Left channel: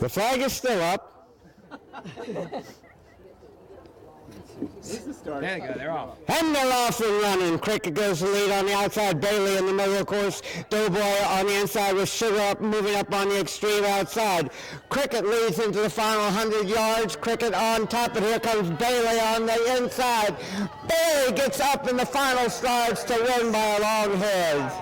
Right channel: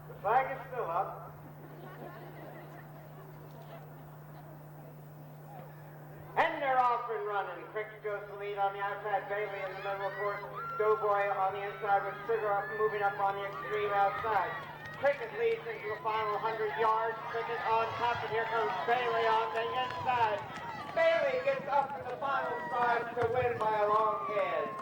The flag is still up. There you go, they're off. And they're off and running. Cricket goes to lead on the outside. Bailey in the middle, of course. Doughboy on the inside with Sugar up, moving up on the extreme outside. Cricket leads into the final 100 yards. Cricket on top, and here comes Bailey on the inside. Bailey gets up in the final starts to win by a long head.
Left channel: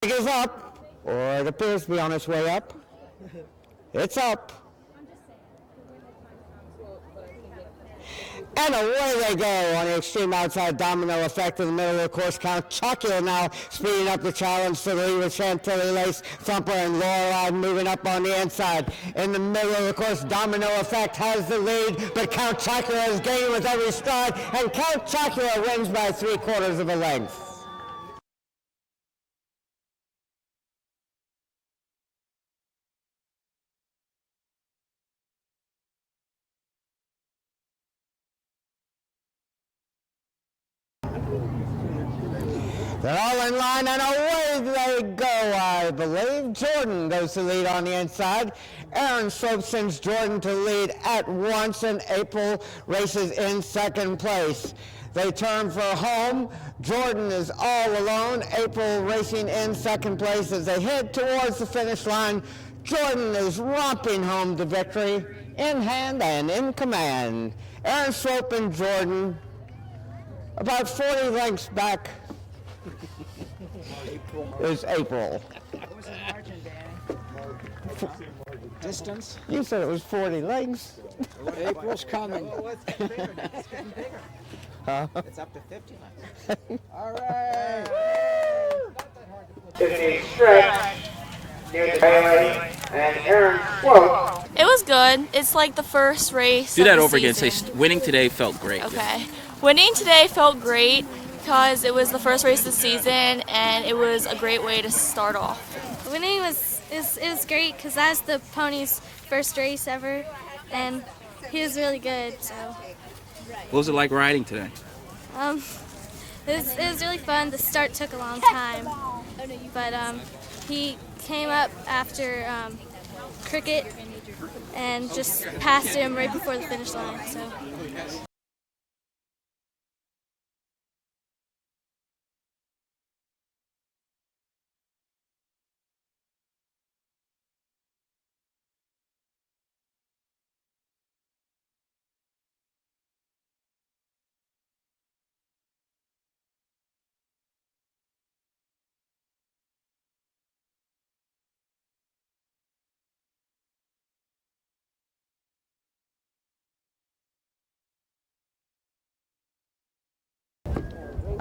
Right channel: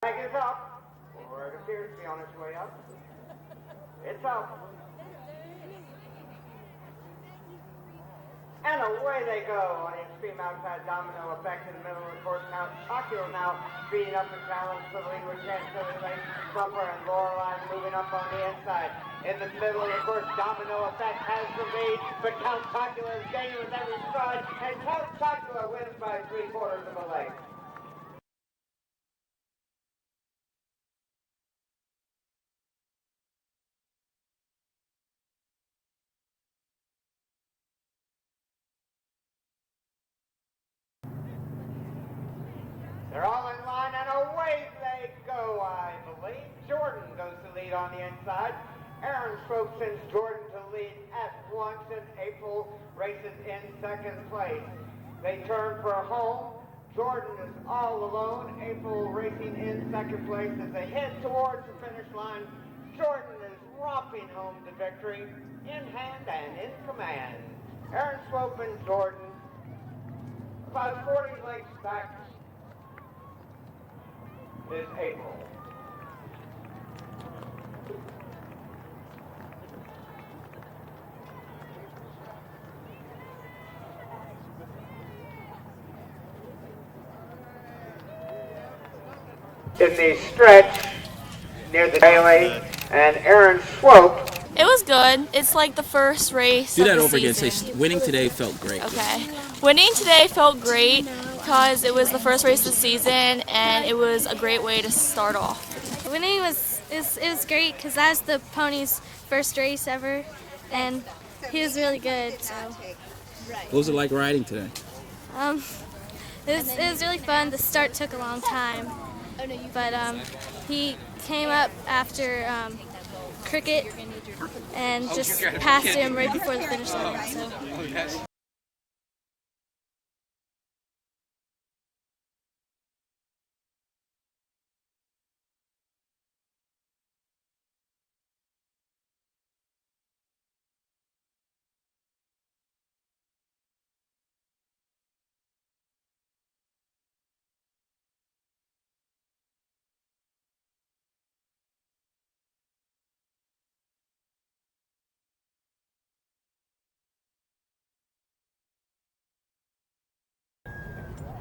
Is up, or it appears to be on its way up. It's up. And away they go on the extreme outside. Domino Effect in the middle of the course count. Chocula now speeding up the challenge to the lead with Chantilly Lace, Thumper, and Lorelei moving up on the inside. In the middle of the course, Domino Effect has the lead, but Count Chocula is gaining with every stride, and Count Chocula wins by 3/4 of a length. They're all in line, and away they go, I believe. Jordan goes to lead on the inside. Aaron Swope sends Jordan to lead at once, and April races in second place. They turn for home. Jordan is all alone. April racing in second place as they head towards the finish line. Jordan is romping home to victory, in hand and in command. Aaron Swope and Jordan about 40 lengths back is April. Distance? You said it was 40 lengths. April's coming. Huh? It's up to 50. All right. Is the stretch near the Bailey and Aaron Swope. It was good. It's like the first race. Do of that the over again. season. Say winning today felt great. Okay. Winning today felt great because it was the first race of the season and it was a great way to start off. Winning was great because that was the pony's first race ever, and he was really good. So. What was it like riding today? It was really fun. The start took a long time, but he came up after Cricket and just passed him right before the finish line. So.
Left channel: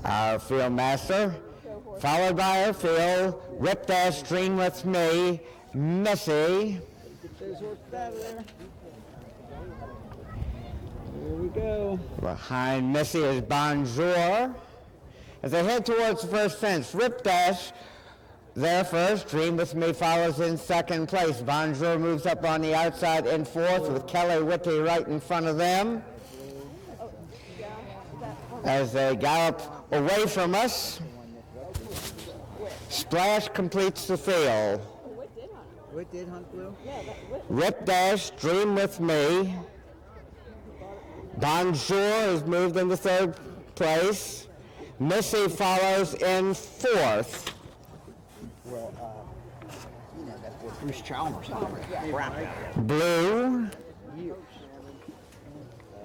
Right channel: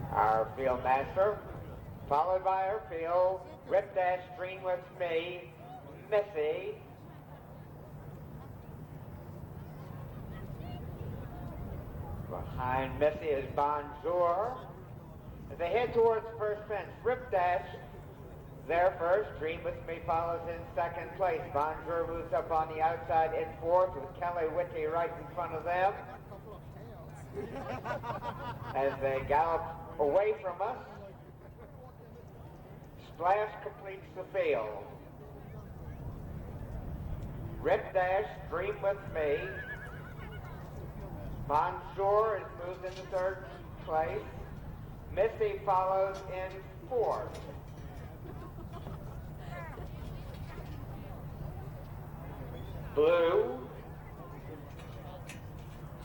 Our field master, followed by our field, Rip Dash, Dream With Me, Missy. There we go. Behind Missy is Bonjour. As they head towards the first fence, Rip Dash there first. Dream With Me follows in second place. Bonjour moves up on the outside in fourth with Kelly Whitty right in front of them. As they gallop away from us, Splash completes the field. Rip Dash, Dream With Me. Bonjour is moved into third place. Missy follows in fourth. Blue,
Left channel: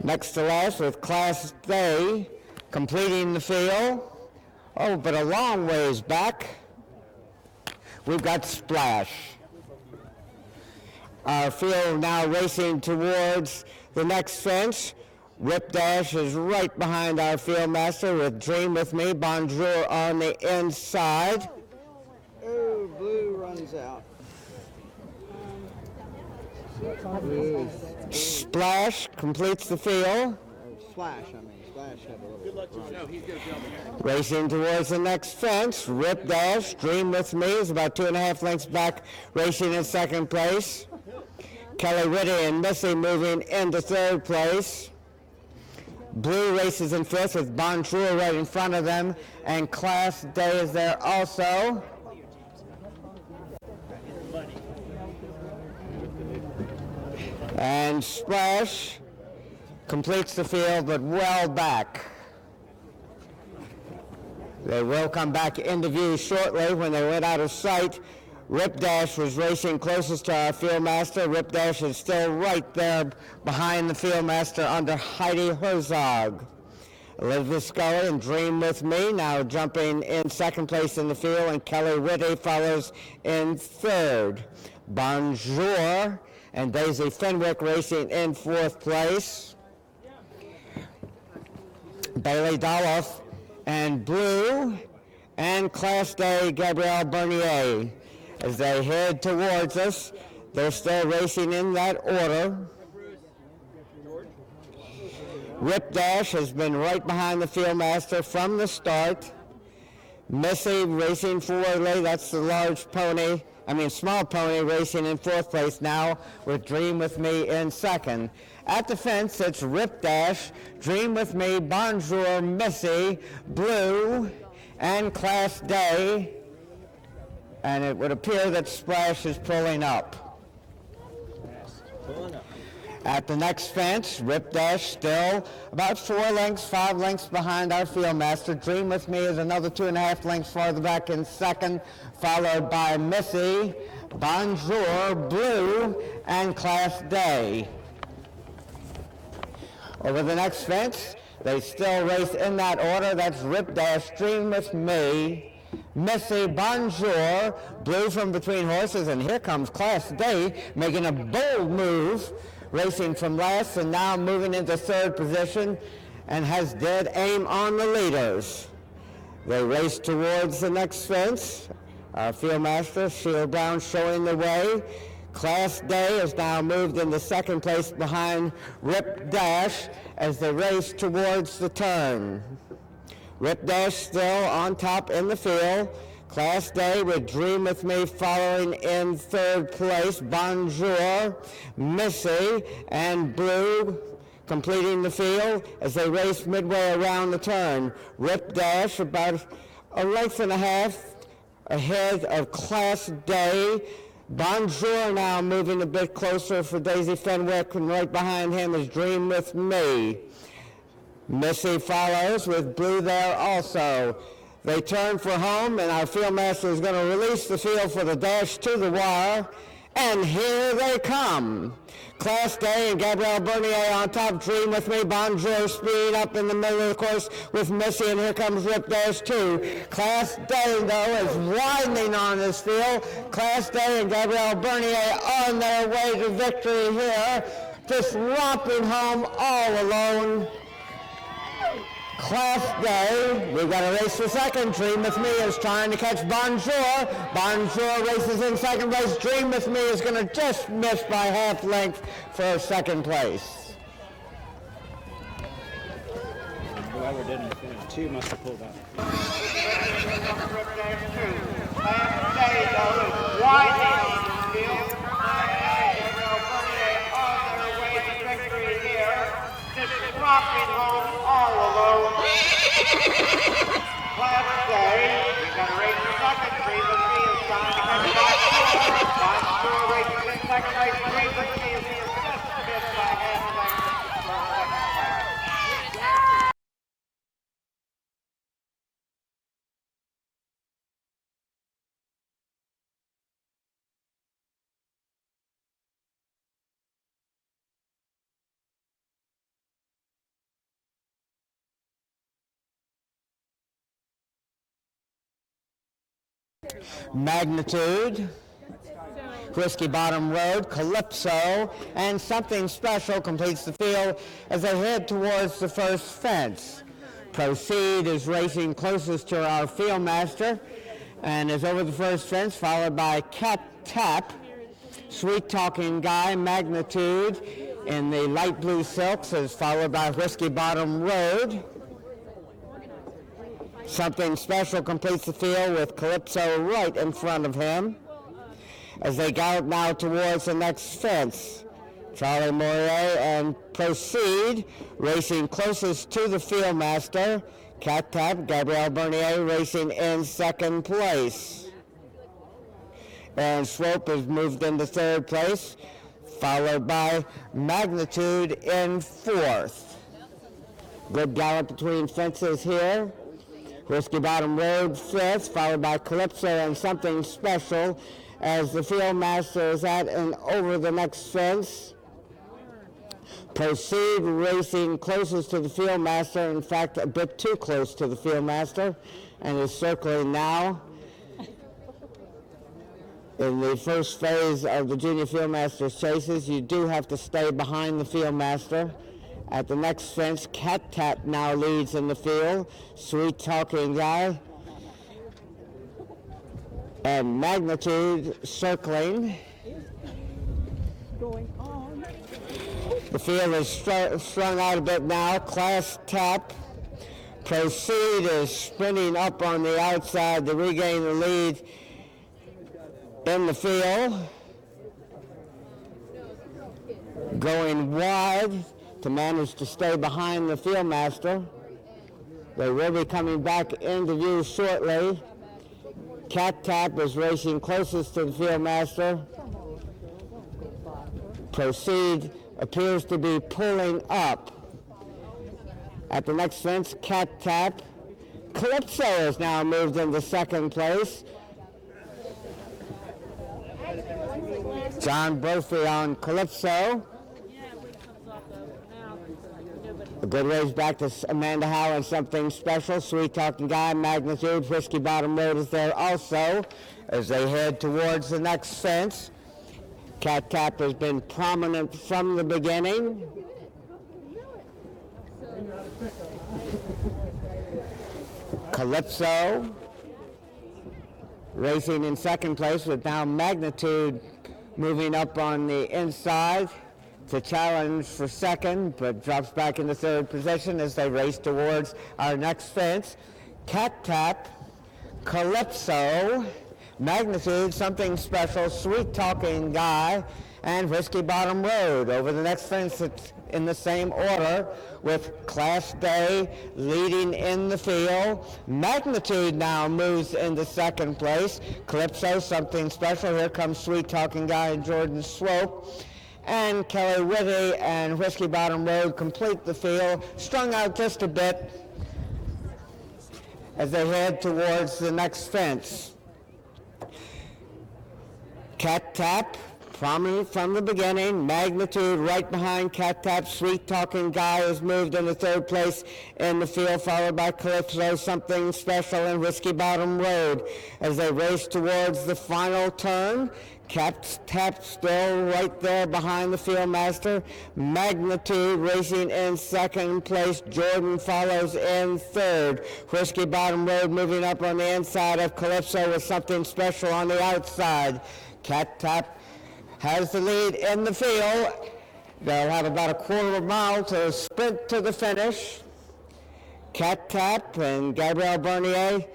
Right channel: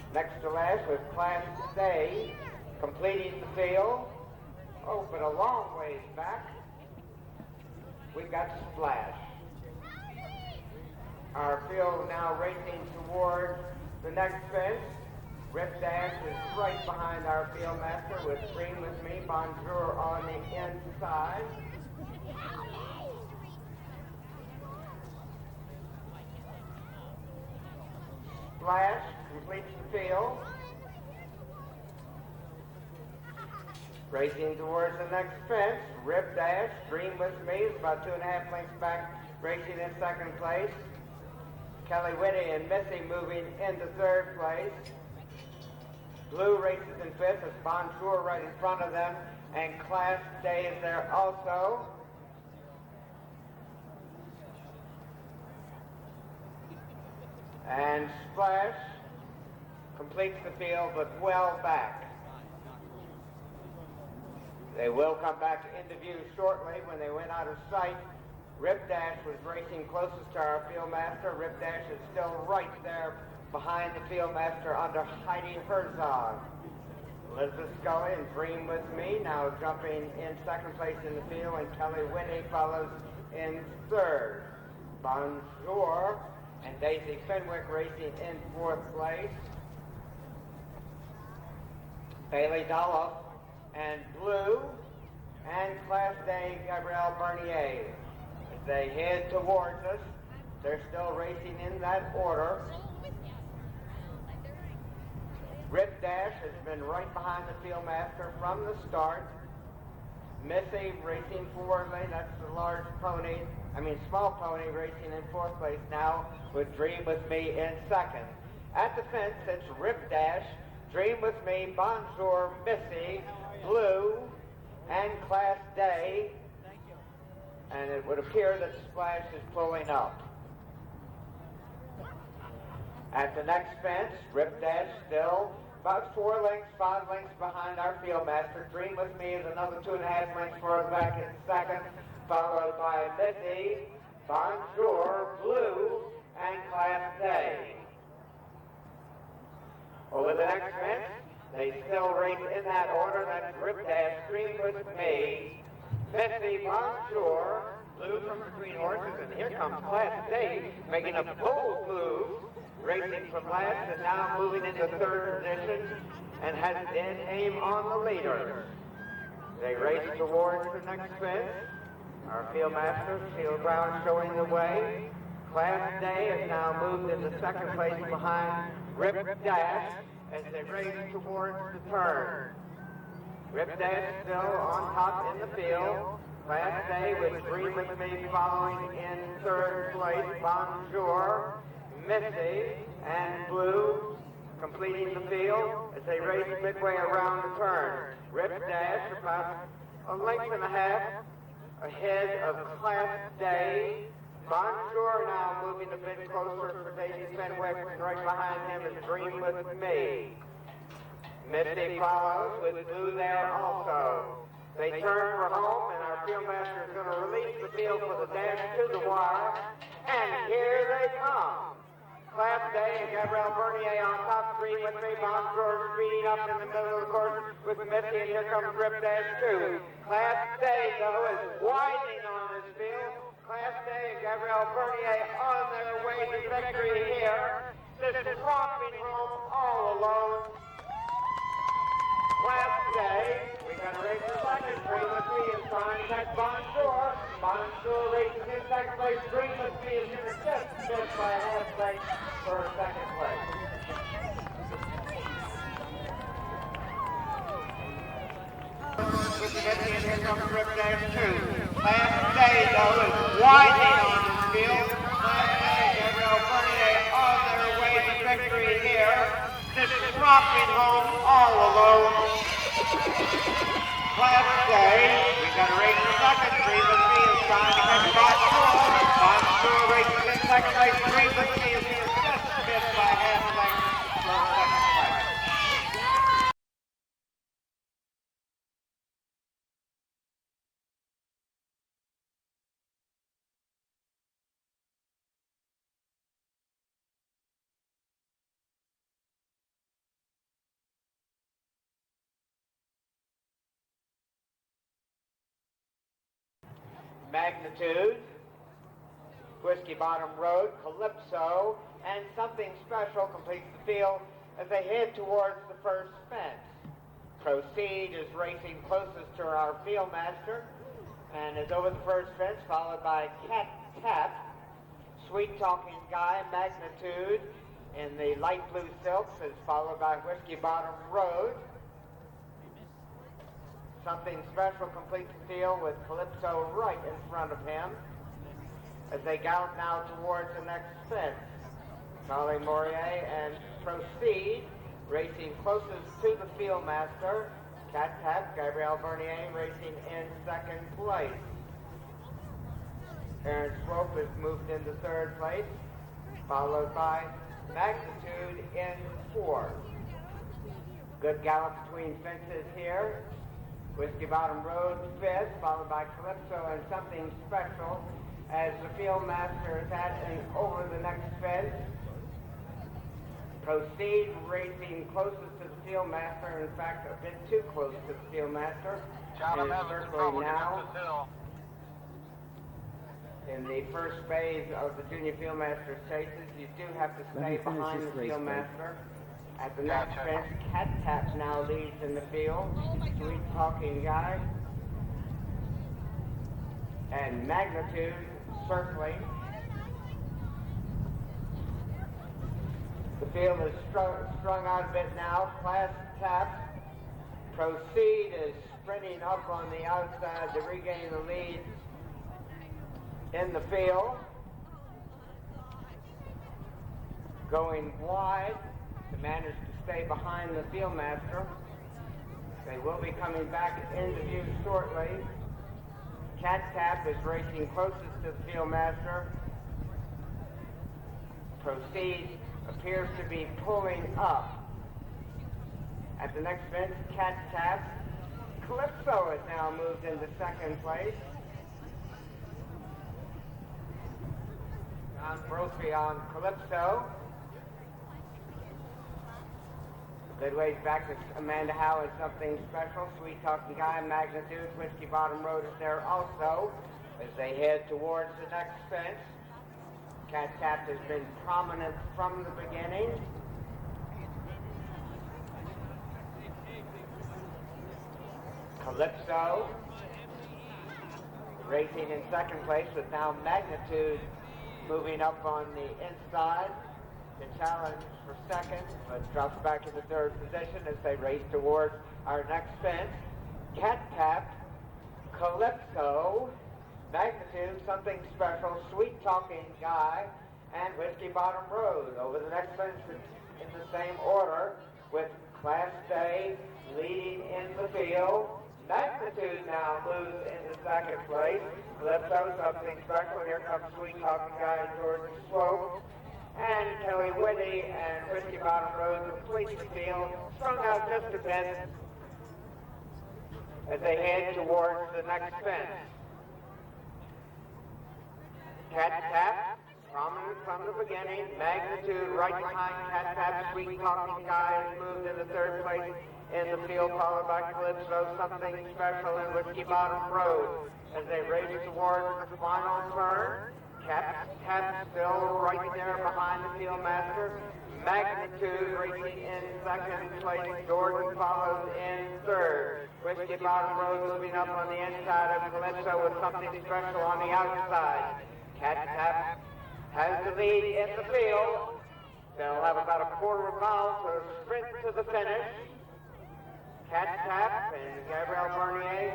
next to last with Class A, completing the field. Oh, but a long ways back, we've got Splash. Our field now racing towards the next fence. Rip Dash is right behind our field master with Dream With Me. Bonjour on the inside. Oh, Blue runs out. Splash completes the field. Splash, Splash. Racing towards the next fence, Rip Dash, Dream With Me is about 2.5 lengths back, racing in second place. Kelly Whitty and Missy moving into third place. Blue races in fifth with Bonjour right in front of them, and Class Day is there also. And Splash completes the field, but well back. They will come back into view shortly. When they went out of sight, Rip Dash was racing closest to our Fieldmaster. Rip Dash is still right there behind the Fieldmaster under Heidi Herzog. Elizabeth Scully and Dream With Me now jumping in second place in the field, and Kelly Whitty follows in third. Bonjour and Daisy Fenwick racing in fourth place. Bailey Doloff and Blue and Class Day Gabrielle Bernier. As they head towards us, they're still racing in that order. Rip Dash has been right behind the Fieldmaster from the start. Missy racing forwardly, that's the small pony racing in fourth place now with Dream With Me in second. At the fence, it's Rip Dash, Dream With Me, Bonjour, Missy, Blue, and Class Day. And it would appear that Splash is pulling up. At the next fence, Rip Dash still about 5 lengths behind our Fieldmaster. Dream With Me is another 2.5 lengths farther back in second, followed by Missy, Bonjour, Blue, and Class Day. Over the next fence, they still race in that order. That's Rip Dash, Dream With Me, Missy, Bonjour, Blue from between horses, and here comes Class Day making a bold move, racing from last and now moving into third position, and has dead aim on the leaders. They race towards the next fence. Our Fieldmaster, shield down, showing the way. Class Day is now moved into second place behind Rip Dash as they race towards the turn. Rip Dash still on top in the field. Class Day with Dream With Me following in third place. Bonjour, Missy, and Blue completing the field as they race midway around the turn. Rip Dash about a length and a half ahead of Class Day. Bonjour now moving a bit closer for Daisy Fenwick, and right behind him is Dream With Me. Missy follows with Blue there also. They turn for home, and our Fieldmaster is going to release the field for the dash to the wire, and here they come. Class Day and Gabrielle Bernier on top. Dream With Me, Bonjour speeding up in the middle of the course with Missy, and here comes Rip Dash too. Class Day, though, is widening on this field. Class Day and Gabrielle Bernier on their way to victory here, just romping home all alone. Class Day, we've got a race for second. Dream With Me is trying to catch Bonjour. Bonjour races in second place. Dream With Me is going to just miss by half length for second place. Whoever didn't, two must have pulled out. Class Day, though, is winding on the field. Class Day, Gabrielle Bernier on their way to victory here. Just dropping home all alone. Class Day, we've got a race for second. Dream With Me is trying to catch Bonjour. Bonjour races in second place. Dream With Me is just missed by half length for second place. Magnitude, Whiskey Bottom Road, Calypso, and Something Special completes the field as they head towards the first fence. Proceed is racing closest to our Fieldmaster and is over the first fence, followed by Cat Tap, Sweet Talking Guy, Magnitude in the light blue silks is followed by Whiskey Bottom Road. Something Special completes the field with Calypso right in front of him. As they gallop now towards the next fence, Charlie Moret and Proceed racing closest to the field master. Cat Tap, Gabrielle Bernier racing in second place. Aaron Swope has moved into third place, followed by Magnitude in fourth. Good gallop between fences here. Whiskey Bottom Road fifth, followed by Calypso and Something Special as the field master is at and over the next fence. Proceed racing closest to the field master, in fact a bit too close to the field master, and is circling now. In the first phase of the Junior Fieldmaster's chases, you do have to stay behind the Fieldmaster. At the next fence, Cat Tap now leads in the field. Sweet Talking Guy and Magnitude circling. The field is strung out a bit now. Class Tap. Proceed is sprinting up on the outside to regain the lead in the field. Going wide to manage to stay behind the Fieldmaster. They will be coming back into view shortly. Cat Tap is racing closest to the Fieldmaster. Proceed appears to be pulling up. At the next fence, Cat Tap. Calypso has now moved into second place. John Brophy on Calypso. A good race back to Amanda Howe and Something Special. Sweet Talking Guy, Magnitude, Whiskey Bottom Road is there also as they head towards the next fence. Cat Tap has been prominent from the beginning. Calypso racing in second place with now Magnitude moving up on the inside to challenge for second, but drops back into third position as they race towards our next fence. Cat Tap, Calypso, Magnitude, Something Special, Sweet Talking Guy, and Whiskey Bottom Road. Over the next fence, it's in the same order with Class Day leading in the field. Magnitude now moves into second place. Calypso, Something Special. Here comes Sweet Talking Guy and Jordan Swope. And Kelly Whedbee and Whiskey Bottom Road complete the field, strung out just a bit as they head towards the next fence. Cat Tap, prominent from the beginning. Magnitude right behind Cat Tap. Sweet Talking Guy has moved into third place in the field, followed by Calypso, Something Special, and Whiskey Bottom Road as they race towards the final turn. Cat Tap still right there behind the Fieldmaster. Magnitude racing in second place. Jordan follows in third. Whiskey Bottom Road moving up on the inside of Calypso with Something Special on the outside. Cat Tap has the lead in the field. They'll have about a quarter of a mile to sprint to the finish. Cat Tap and Gabrielle Bernier.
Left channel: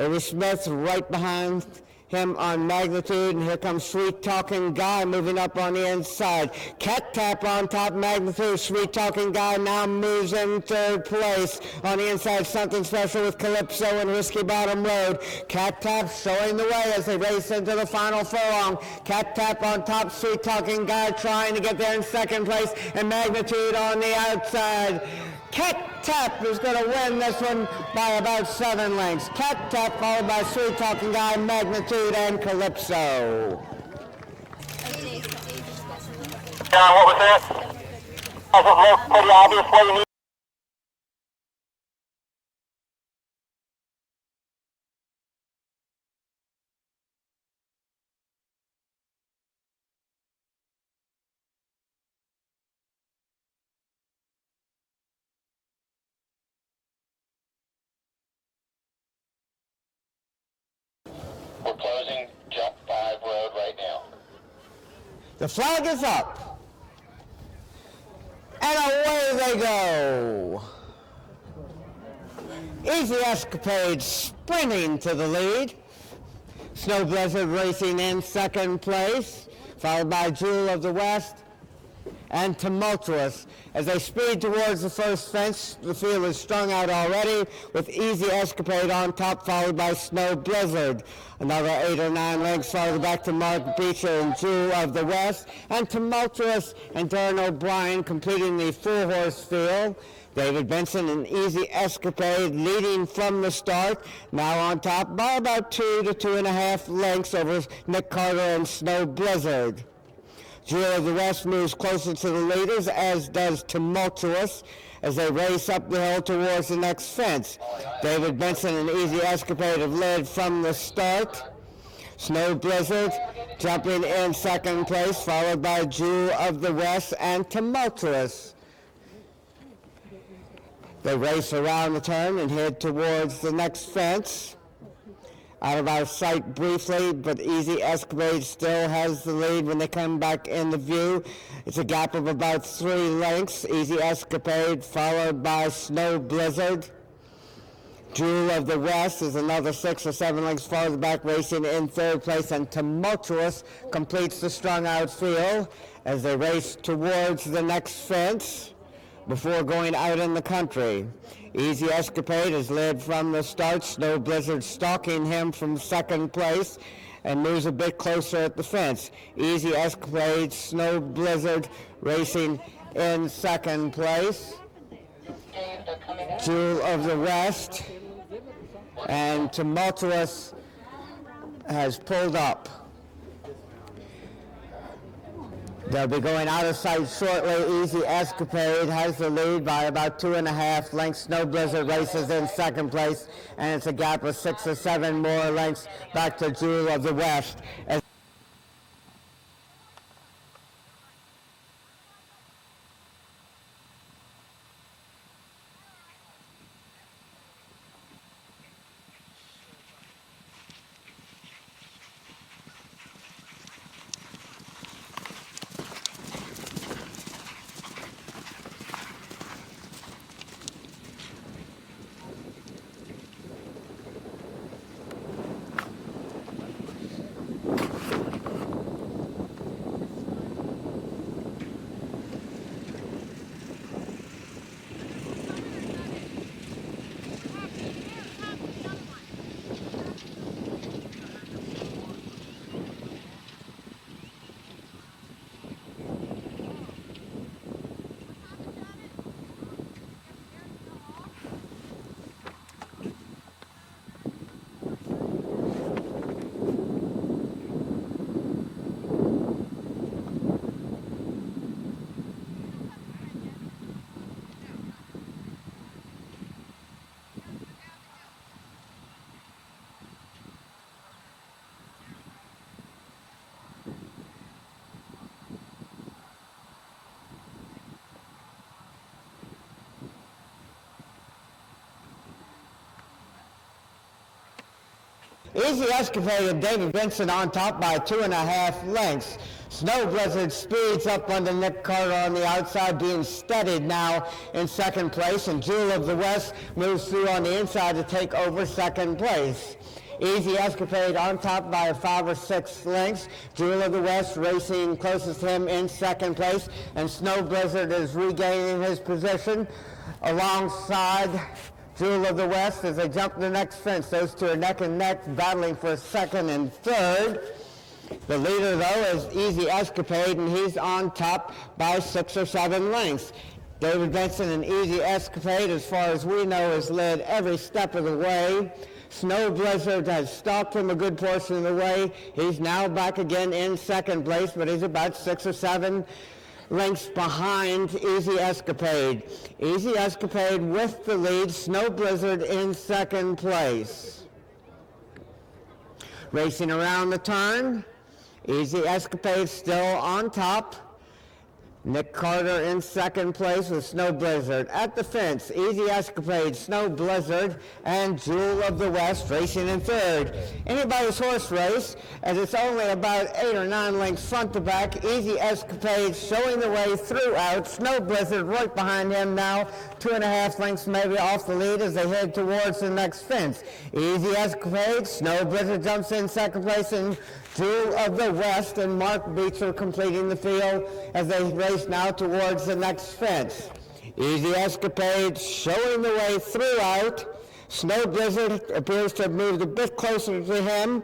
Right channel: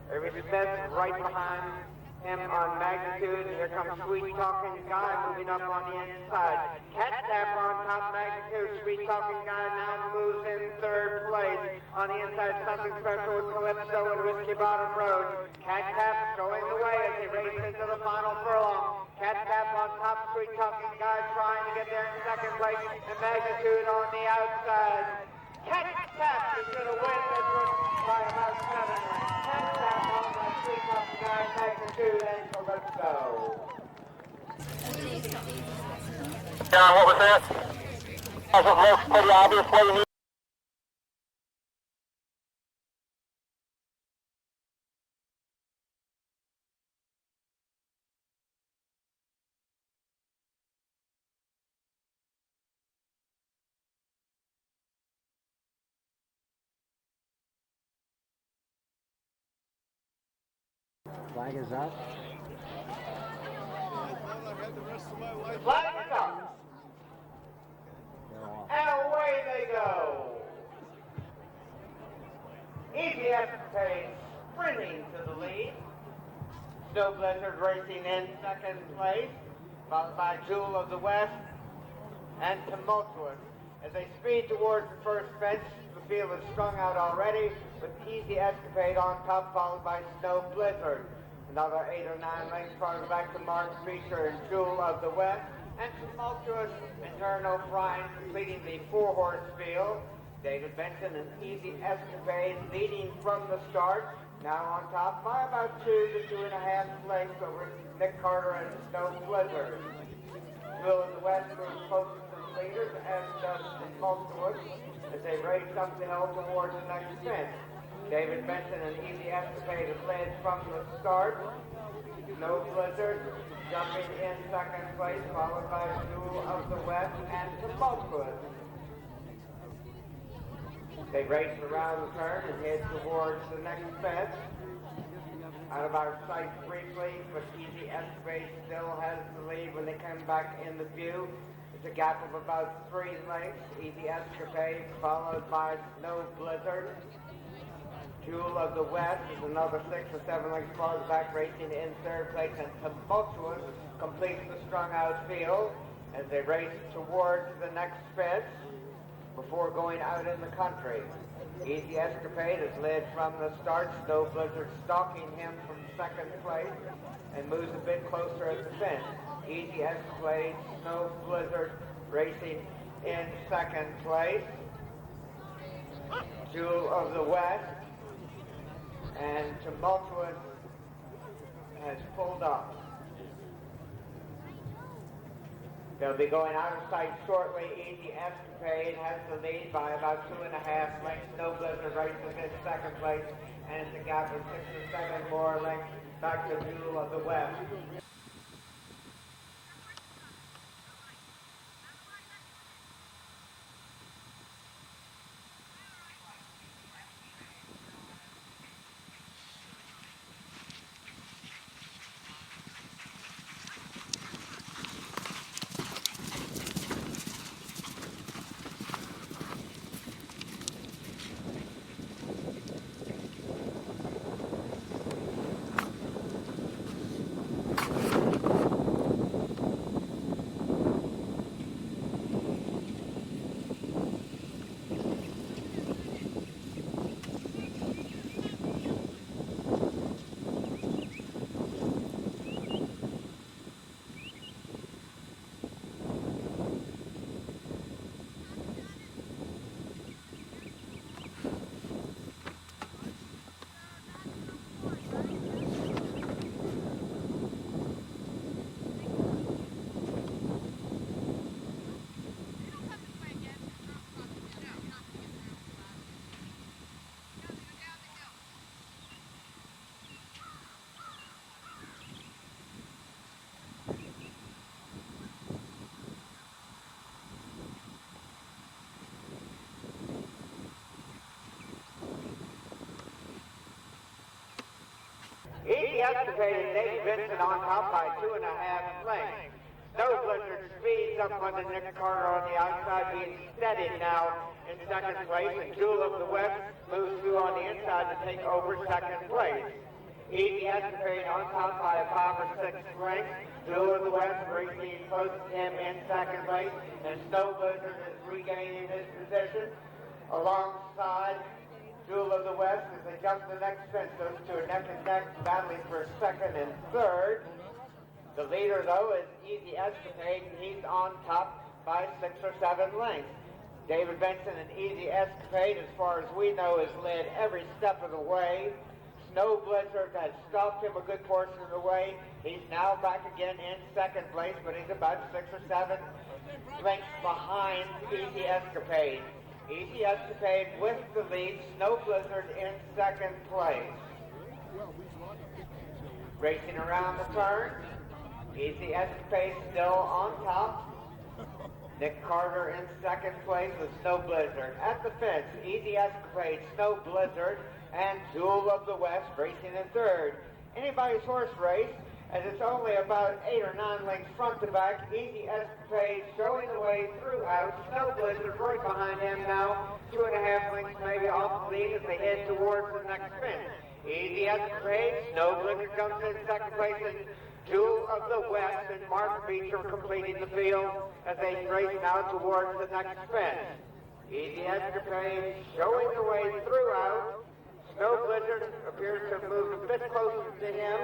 Ava Smith right behind him on Magnitude, and here comes Sweet Talking Guy moving up on the inside. Cat Tap on top, Magnitude. Sweet Talking Guy now moves in third place. On the inside, Something Special with Calypso and Whiskey Bottom Road. Cat Tap showing the way as they race into the final furlong. Cat Tap on top, Sweet Talking Guy trying to get there in second place, and Magnitude on the outside. Cat Tap is going to win this one by about 7 lengths. Cat Tap followed by Sweet Talking Guy, Magnitude, and Calypso. John, what was that? As it looks pretty obviously, you need we're closing Jump 5 Road right now. The flag is up. And away they go. Easy Escapade sprinting to the lead. Snow Blizzard racing in second place, followed by Jewel of the West and Tumultuous. As they speed towards the first fence, the field is strung out already, with Easy Escapade on top, followed by Snow Blizzard. Another 8 or 9 lengths farther back to Mark Beecher and Jewel of the West, and Tumultuous and Darren O'Brien completing the full-horse field. David Benson and Easy Escapade leading from the start, now on top by about 2 to 2.5 lengths over Nick Carter and Snow Blizzard. Jewel of the West moves closer to the leaders, as does Tumultuous, as they race up the hill towards the next fence. David Benson and Easy Escapade have led from the start. Snow Blizzard jumping in second place, followed by Jewel of the West and Tumultuous. They race around the turn and head towards the next fence. Out of our sight briefly, but Easy Escapade still has the lead when they come back into view. It's a gap of about 3 lengths. Easy Escapade followed by Snow Blizzard. Jewel of the West is another 6 or 7 lengths farther back, racing in third place, and Tumultuous completes the strung out field as they race towards the next fence before going out in the country. Easy Escapade is led from the start, Snow Blizzard stalking him from second place and moves a bit closer at the fence. Easy Escapade, Snow Blizzard racing in second place. Jewel of the West and Tumultuous has pulled up. They'll be going out of sight shortly. Easy Escapade has the lead by about 2.5 lengths. Snow Blizzard races in second place, and it's a gap of 6 or 7 more lengths back to Jewel of the West. Easy Escapade and David Benson on top by 2.5 lengths. Snow Blizzard speeds up under Nick Carter on the outside, being steadied now in second place, and Jewel of the West moves through on the inside to take over second place. Easy Escapade on top by 5 or 6 lengths. Jewel of the West racing closest to him in second place, and Snow Blizzard is regaining his position alongside Jewel of the West as they jump the next fence. Those two are neck and neck, battling for second and third. The leader, though, is Easy Escapade, and he's on top by 6 or 7 lengths. David Benson and Easy Escapade, as far as we know, has led every step of the way. Snow Blizzard has stalked him a good portion of the way. He's now back again in second place, but he's about 6 or 7 lengths behind Easy Escapade. Easy Escapade with the lead, Snow Blizzard in second place. Racing around the turn, Easy Escapade still on top. Nick Carter in second place with Snow Blizzard. At the fence, Easy Escapade, Snow Blizzard, and Jewel of the West racing in third. Anybody's horse race, as it's only about 8 or 9 lengths front to back. Easy Escapade showing the way throughout. Snow Blizzard right behind him now, 2.5 lengths maybe off the lead as they head towards the next fence. Easy Escapade, Snow Blizzard jumps in second place, and Jewel of the West and Mark Beecher completing the field as they race now towards the next fence. Easy Escapade showing the way throughout. Snow Blizzard appears to have moved a bit closer to him.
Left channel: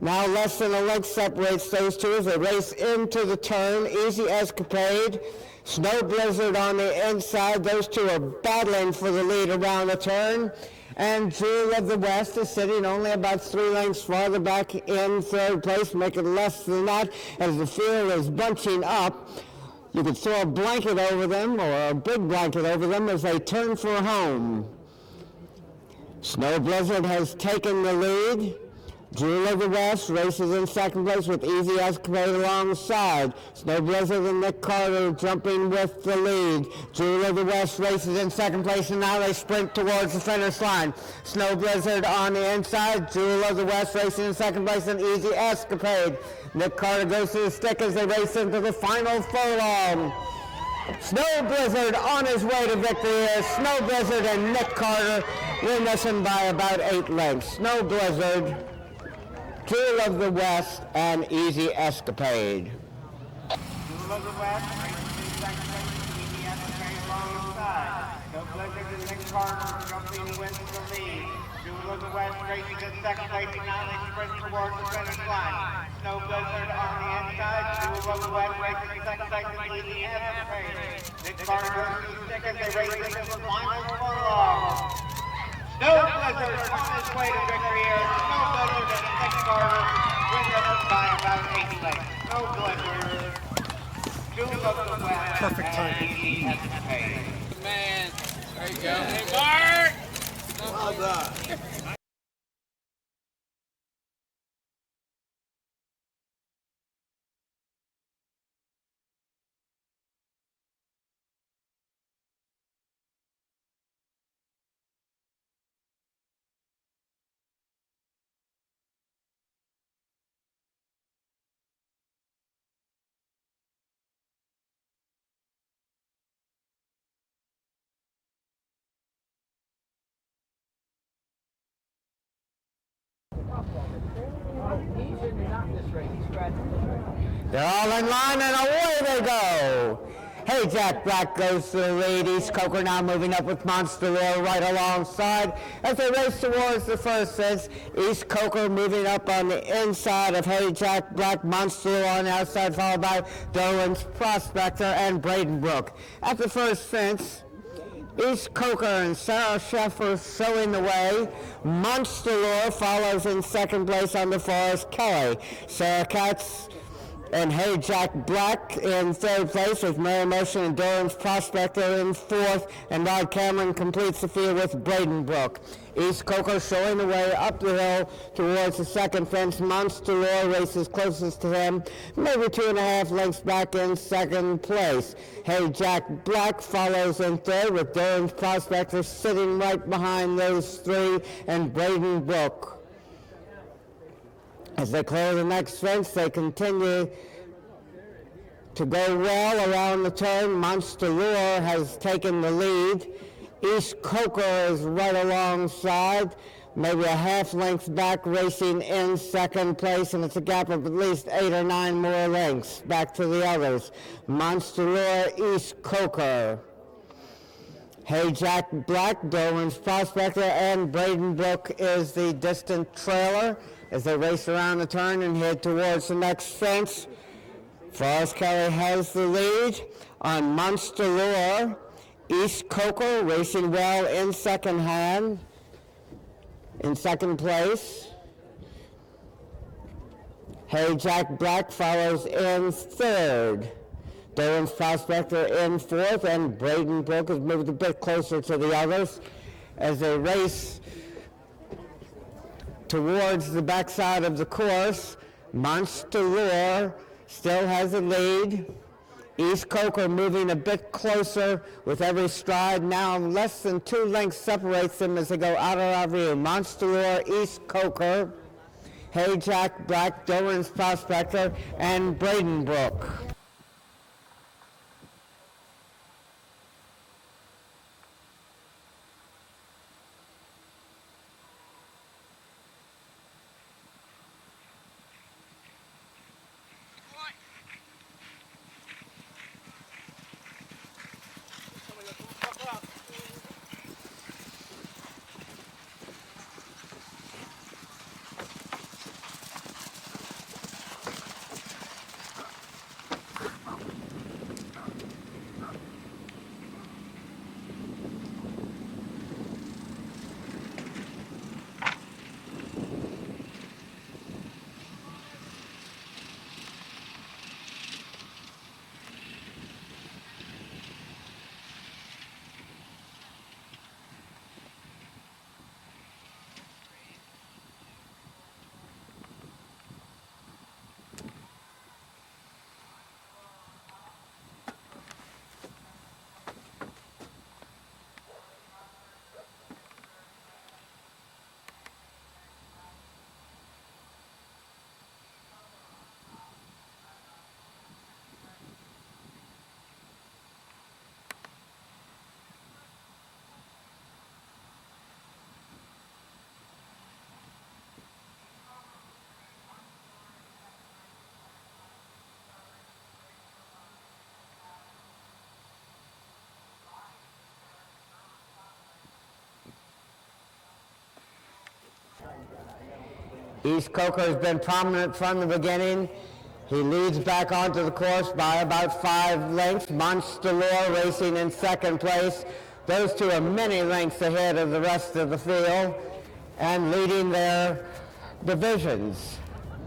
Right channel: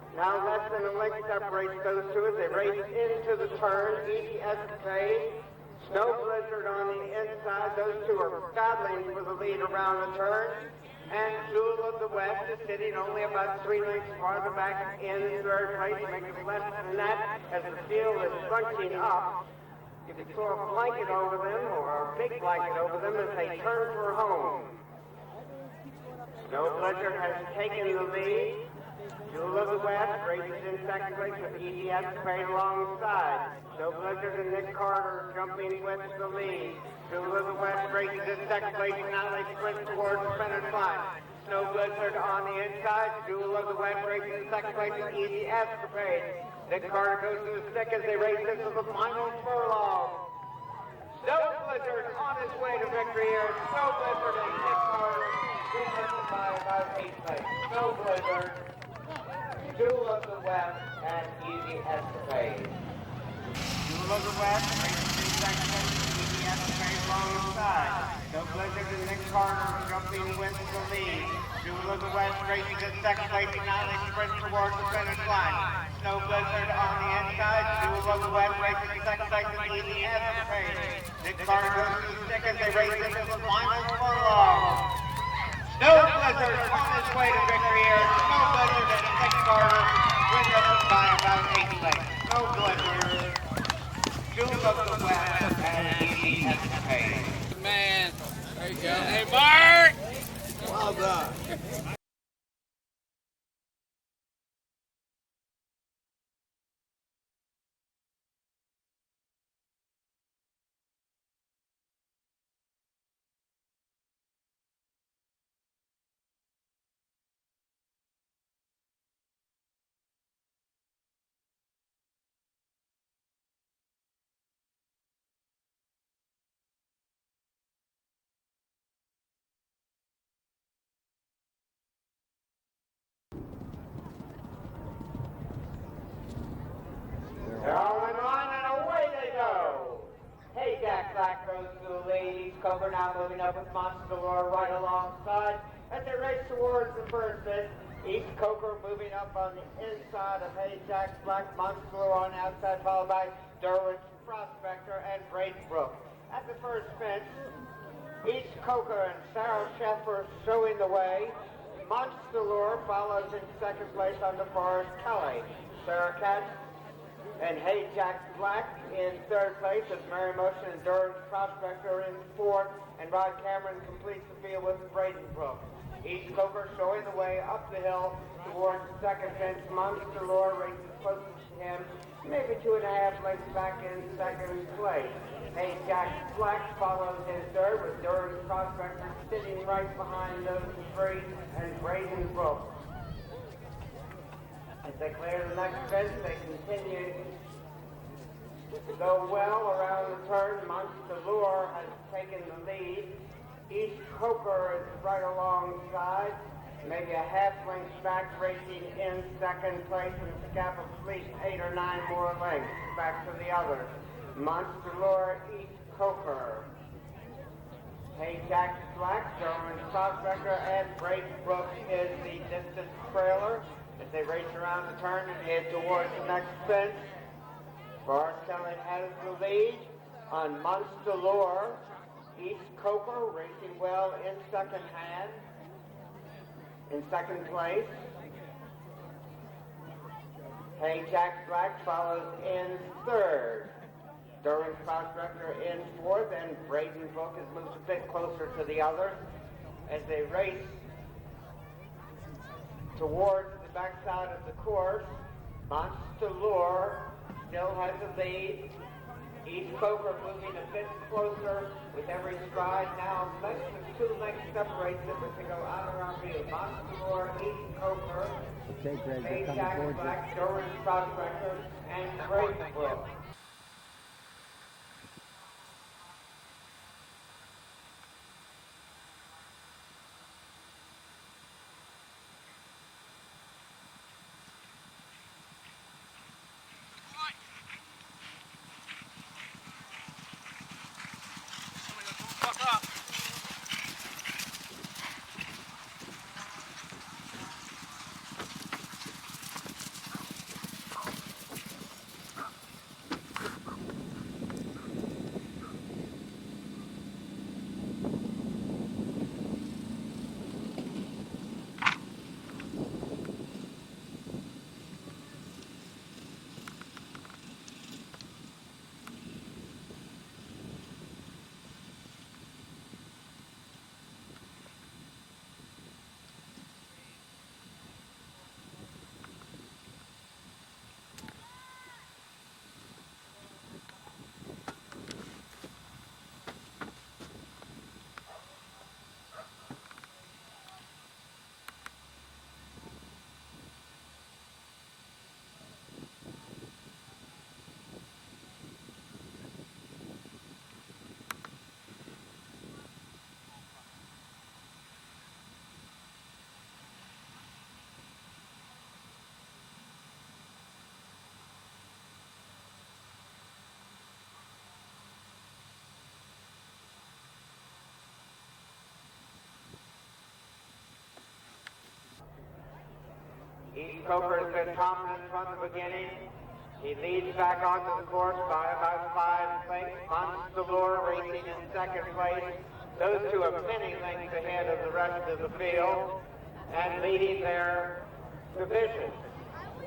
Now less than a length separates those two as they race into the turn. Easy Escapade, Snow Blizzard on the inside. Those two are battling for the lead around the turn. And Jewel of the West is sitting only about 3 lengths farther back in third place, making less than that as the field is bunching up. You could throw a blanket over them or a big blanket over them as they turn for home. Snow Blizzard has taken the lead. Jewel of the West races in second place with Easy Escapade alongside. Snow Blizzard and Nick Carter jumping with the lead. Jewel of the West races in second place, and now they sprint towards the finish line. Snow Blizzard on the inside. Jewel of the West racing in second place, and Easy Escapade. Nick Carter goes to the stick as they race into the final furlong. Snow Blizzard on his way to victory as Snow Blizzard and Nick Carter win this one by about 8 lengths. Snow Blizzard, Jewel of the West, and Easy Escapade. Jewel of the West races in second place, Easy Escapade alongside. Snow Blizzard and Nick Carter jumping wins the lead. Jewel of the West races in second place, and now they sprint towards the finish line. Snow Blizzard on the inside. Jewel of the West races in second place, and Easy Escapade. Nick Carter goes to the stick as they race into the final furlong. Snow Blizzard on his way to victory here. Snow Blizzard and Nick Carter win this one by about 8 lengths. Snow Blizzard, Jewel of the West, and Easy Escapade. Man, there you go. Hey, Mark! Well done. They're all in line and away they go. Hey Jack Black goes to the lead. East Coker now moving up with Monster Roar right alongside as they race towards the first fence. East Coker moving up on the inside of Hey Jack Black, Monster Roar on the outside, followed by Dolan's Prospector and Braden Brook. At the first fence, East Coker and Sarah Sheffer showing the way. Monster Roar follows in second place on the Forest Kelly. Sarah Katz and Hey Jack Black in third place with Mary Motion and Doran's Prospector in fourth, and Rod Cameron completes the field with Braden Brook. East Coker showing the way up the hill towards the second fence. Monster Roar races closest to him, maybe 2.5 lengths back in second place. Hey Jack Black follows in third with Doran's Prospector sitting right behind those three, and Braden Brook. As they clear the next fence, they continue to go well around the turn. Monster Roar has taken the lead. East Coker is right alongside, maybe a half length back, racing in second place, and it's a gap of at least 8 or 9 more lengths back to the others. Monster Roar, East Coker. Hey Jack Black, Dolan's Prospector, and Braden Brook is the distant trailer as they race around the turn and head towards the next fence. Forrest Kelly has the lead on Monster Roar. East Coker racing well in second place. Hey Jack Black follows in third. Dolan's Prospector in fourth, and Braden Brook has moved a bit closer to the others as they race towards the backside of the course. Monster Roar still has the lead. East Coker moving a bit closer with every stride. Now less than 2 lengths separates them as they go out of our view. Monster, East Coker, Hey Jack Black, Dolan's Prospector, and Bradenbrook. East Coker has been prominent from the beginning. He leads back onto the course by about 5 lengths. Monster racing in second place. Those two are many lengths ahead of the rest of the field and leading their divisions.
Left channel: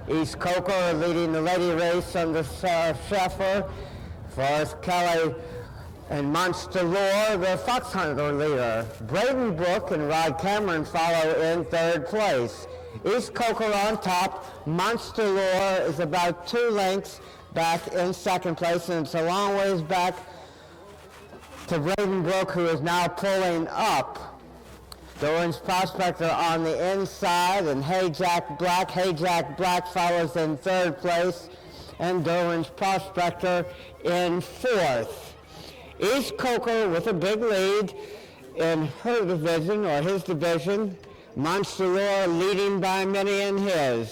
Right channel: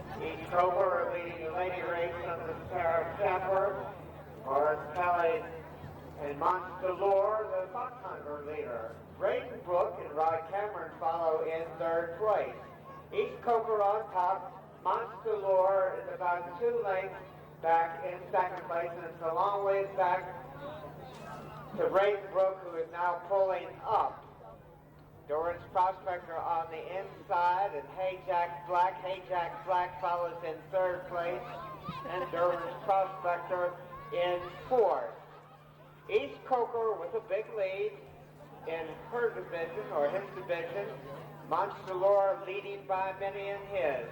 East Coker leading the lady race under Sheffer. Forrest Kelly and Monster the Foxhunter leader. Bradenbrook and Rod Cameron follow in third place. East Coker on top. Monster is about 2 lengths back in second place, and it's a long ways back to Bradenbrook, who is now pulling up. Dolan's Prospector on the inside, and Hey Jack Black. Hey Jack Black follows in third place, and Dolan's Prospector in fourth. East Coker with a big lead in her division, or his division. Monster leading by many in his.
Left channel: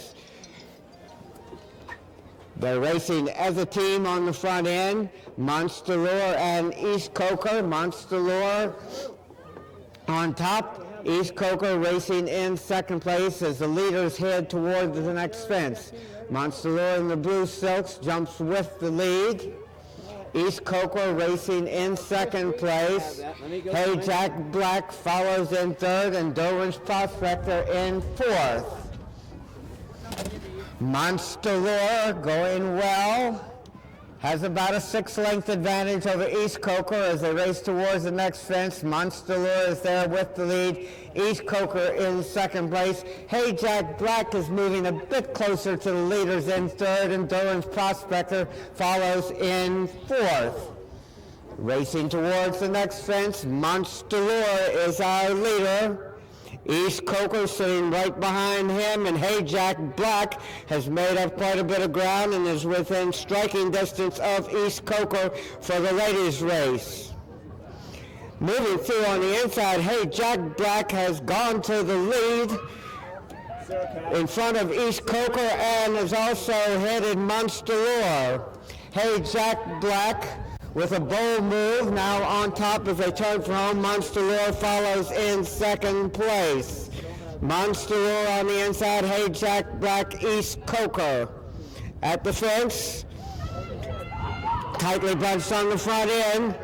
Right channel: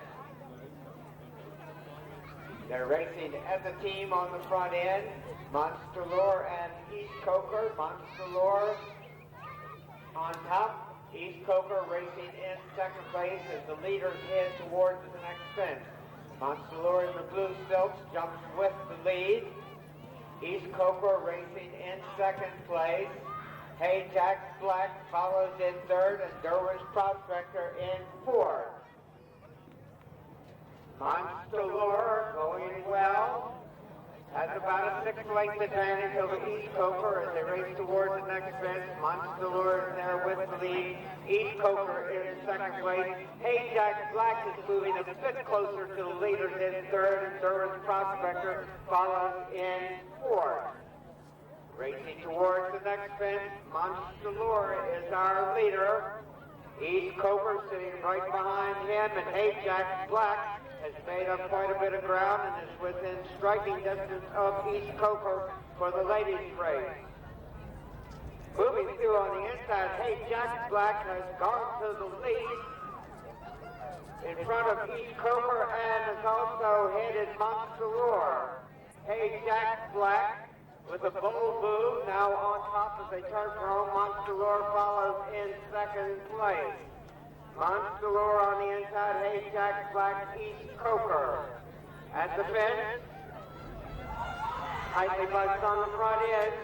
They're racing as a team on the front end. Monster and East Coker. Monster on top. East Coker racing in second place as the leaders head toward the next fence. Monster in the blue silks jumps with the lead. East Coker racing in second place. Hey Jack Black follows in third, and Dolan's Prospector in fourth. Monster going well. Has about a 6-length advantage over East Coker as they race towards the next fence. Monster is there with the lead. East Coker in second place. Hey Jack Black is moving a bit closer to the leaders in third, and Dolan's Prospector follows in fourth. Racing towards the next fence, Monster is our leader. East Coker sitting right behind him, and Hey Jack Black has made up quite a bit of ground and is within striking distance of East Coker for the ladies' race. Moving through on the inside, Hey Jack Black has gone to the lead in front of East Coker and is also headed Monster. Hey Jack Black with a bold move now on top as they turn for home. Monster follows in second place. Monster on the inside, Hey Jack Black, East Coker. At the fence, tightly bunched on the front end.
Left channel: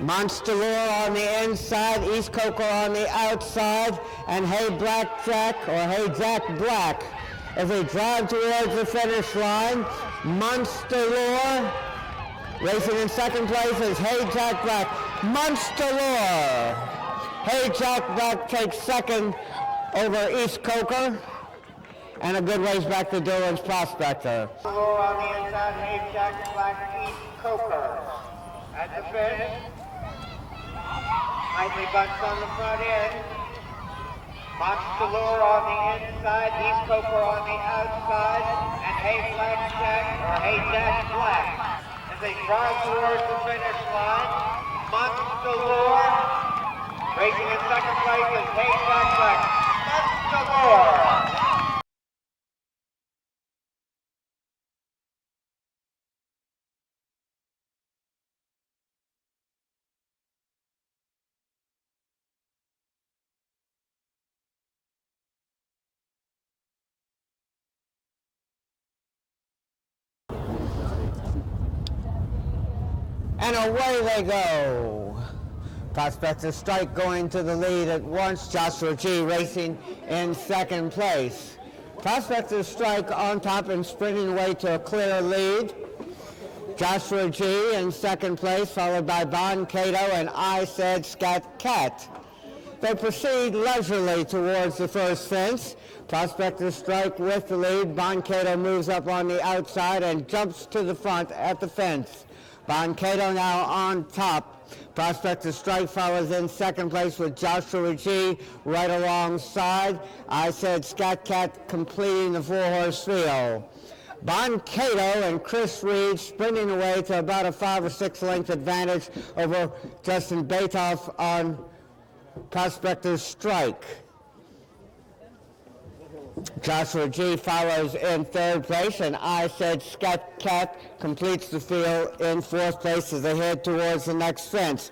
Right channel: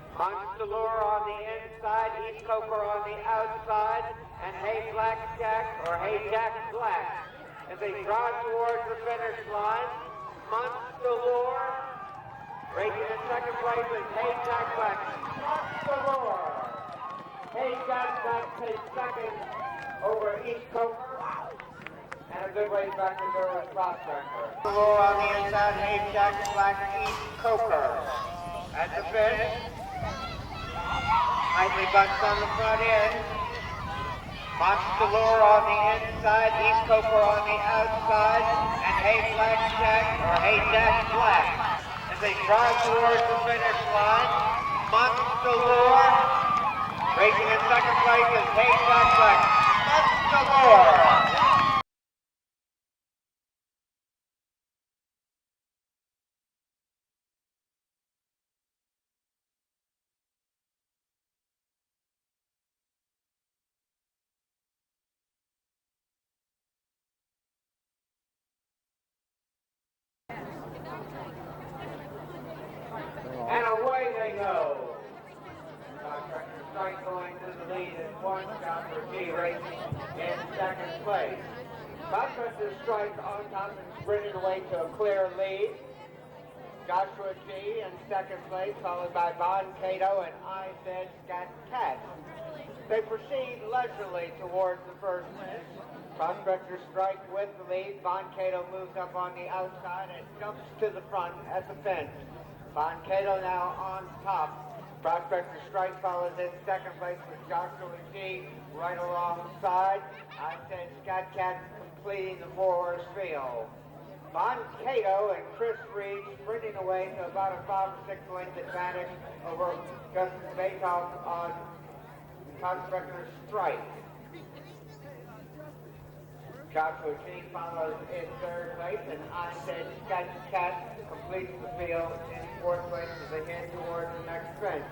Monster on the inside, East Coker on the outside, and Hey Black Jack, or Hey Jack Black, as they drive towards the finish line. Monster racing in second place is Hey Jack Black. Monster Hey Jack Black takes second over East Coker, and a good ways back to Dillon's Prospector. Lower on the inside, Hayjack, Black, East, Coker. At the finish, nicely bunched on the front end. Monster Lure on the inside, East Coker on the outside, and Hayjack Black. As they drive towards the finish line, Monster Lure racing in second place is Hayjack Black. Monster Lure. And away they go. Prospector Strike going to the lead at once. Joshua G racing in second place. Prospector Strike on top and sprinting away to a clear lead. Joshua G in second place, followed by Bon Cato and I Said Scat Cat. They proceed leisurely towards the first fence. Prospector Strike with the lead. Bon Cato moves up on the outside and jumps to the front at the fence. Bon Cato now on top. Prospector Strike follows in second place with Joshua G right alongside. I Said Scat Cat completing the four-horse field. Bon Cato and Chris Reed sprinting away to about a 5 or 6 length advantage over Justin Batoff on Prospector Strike. Joshua G follows in third place, and I Said Scat Cat completes the field in fourth place as they head towards the next fence.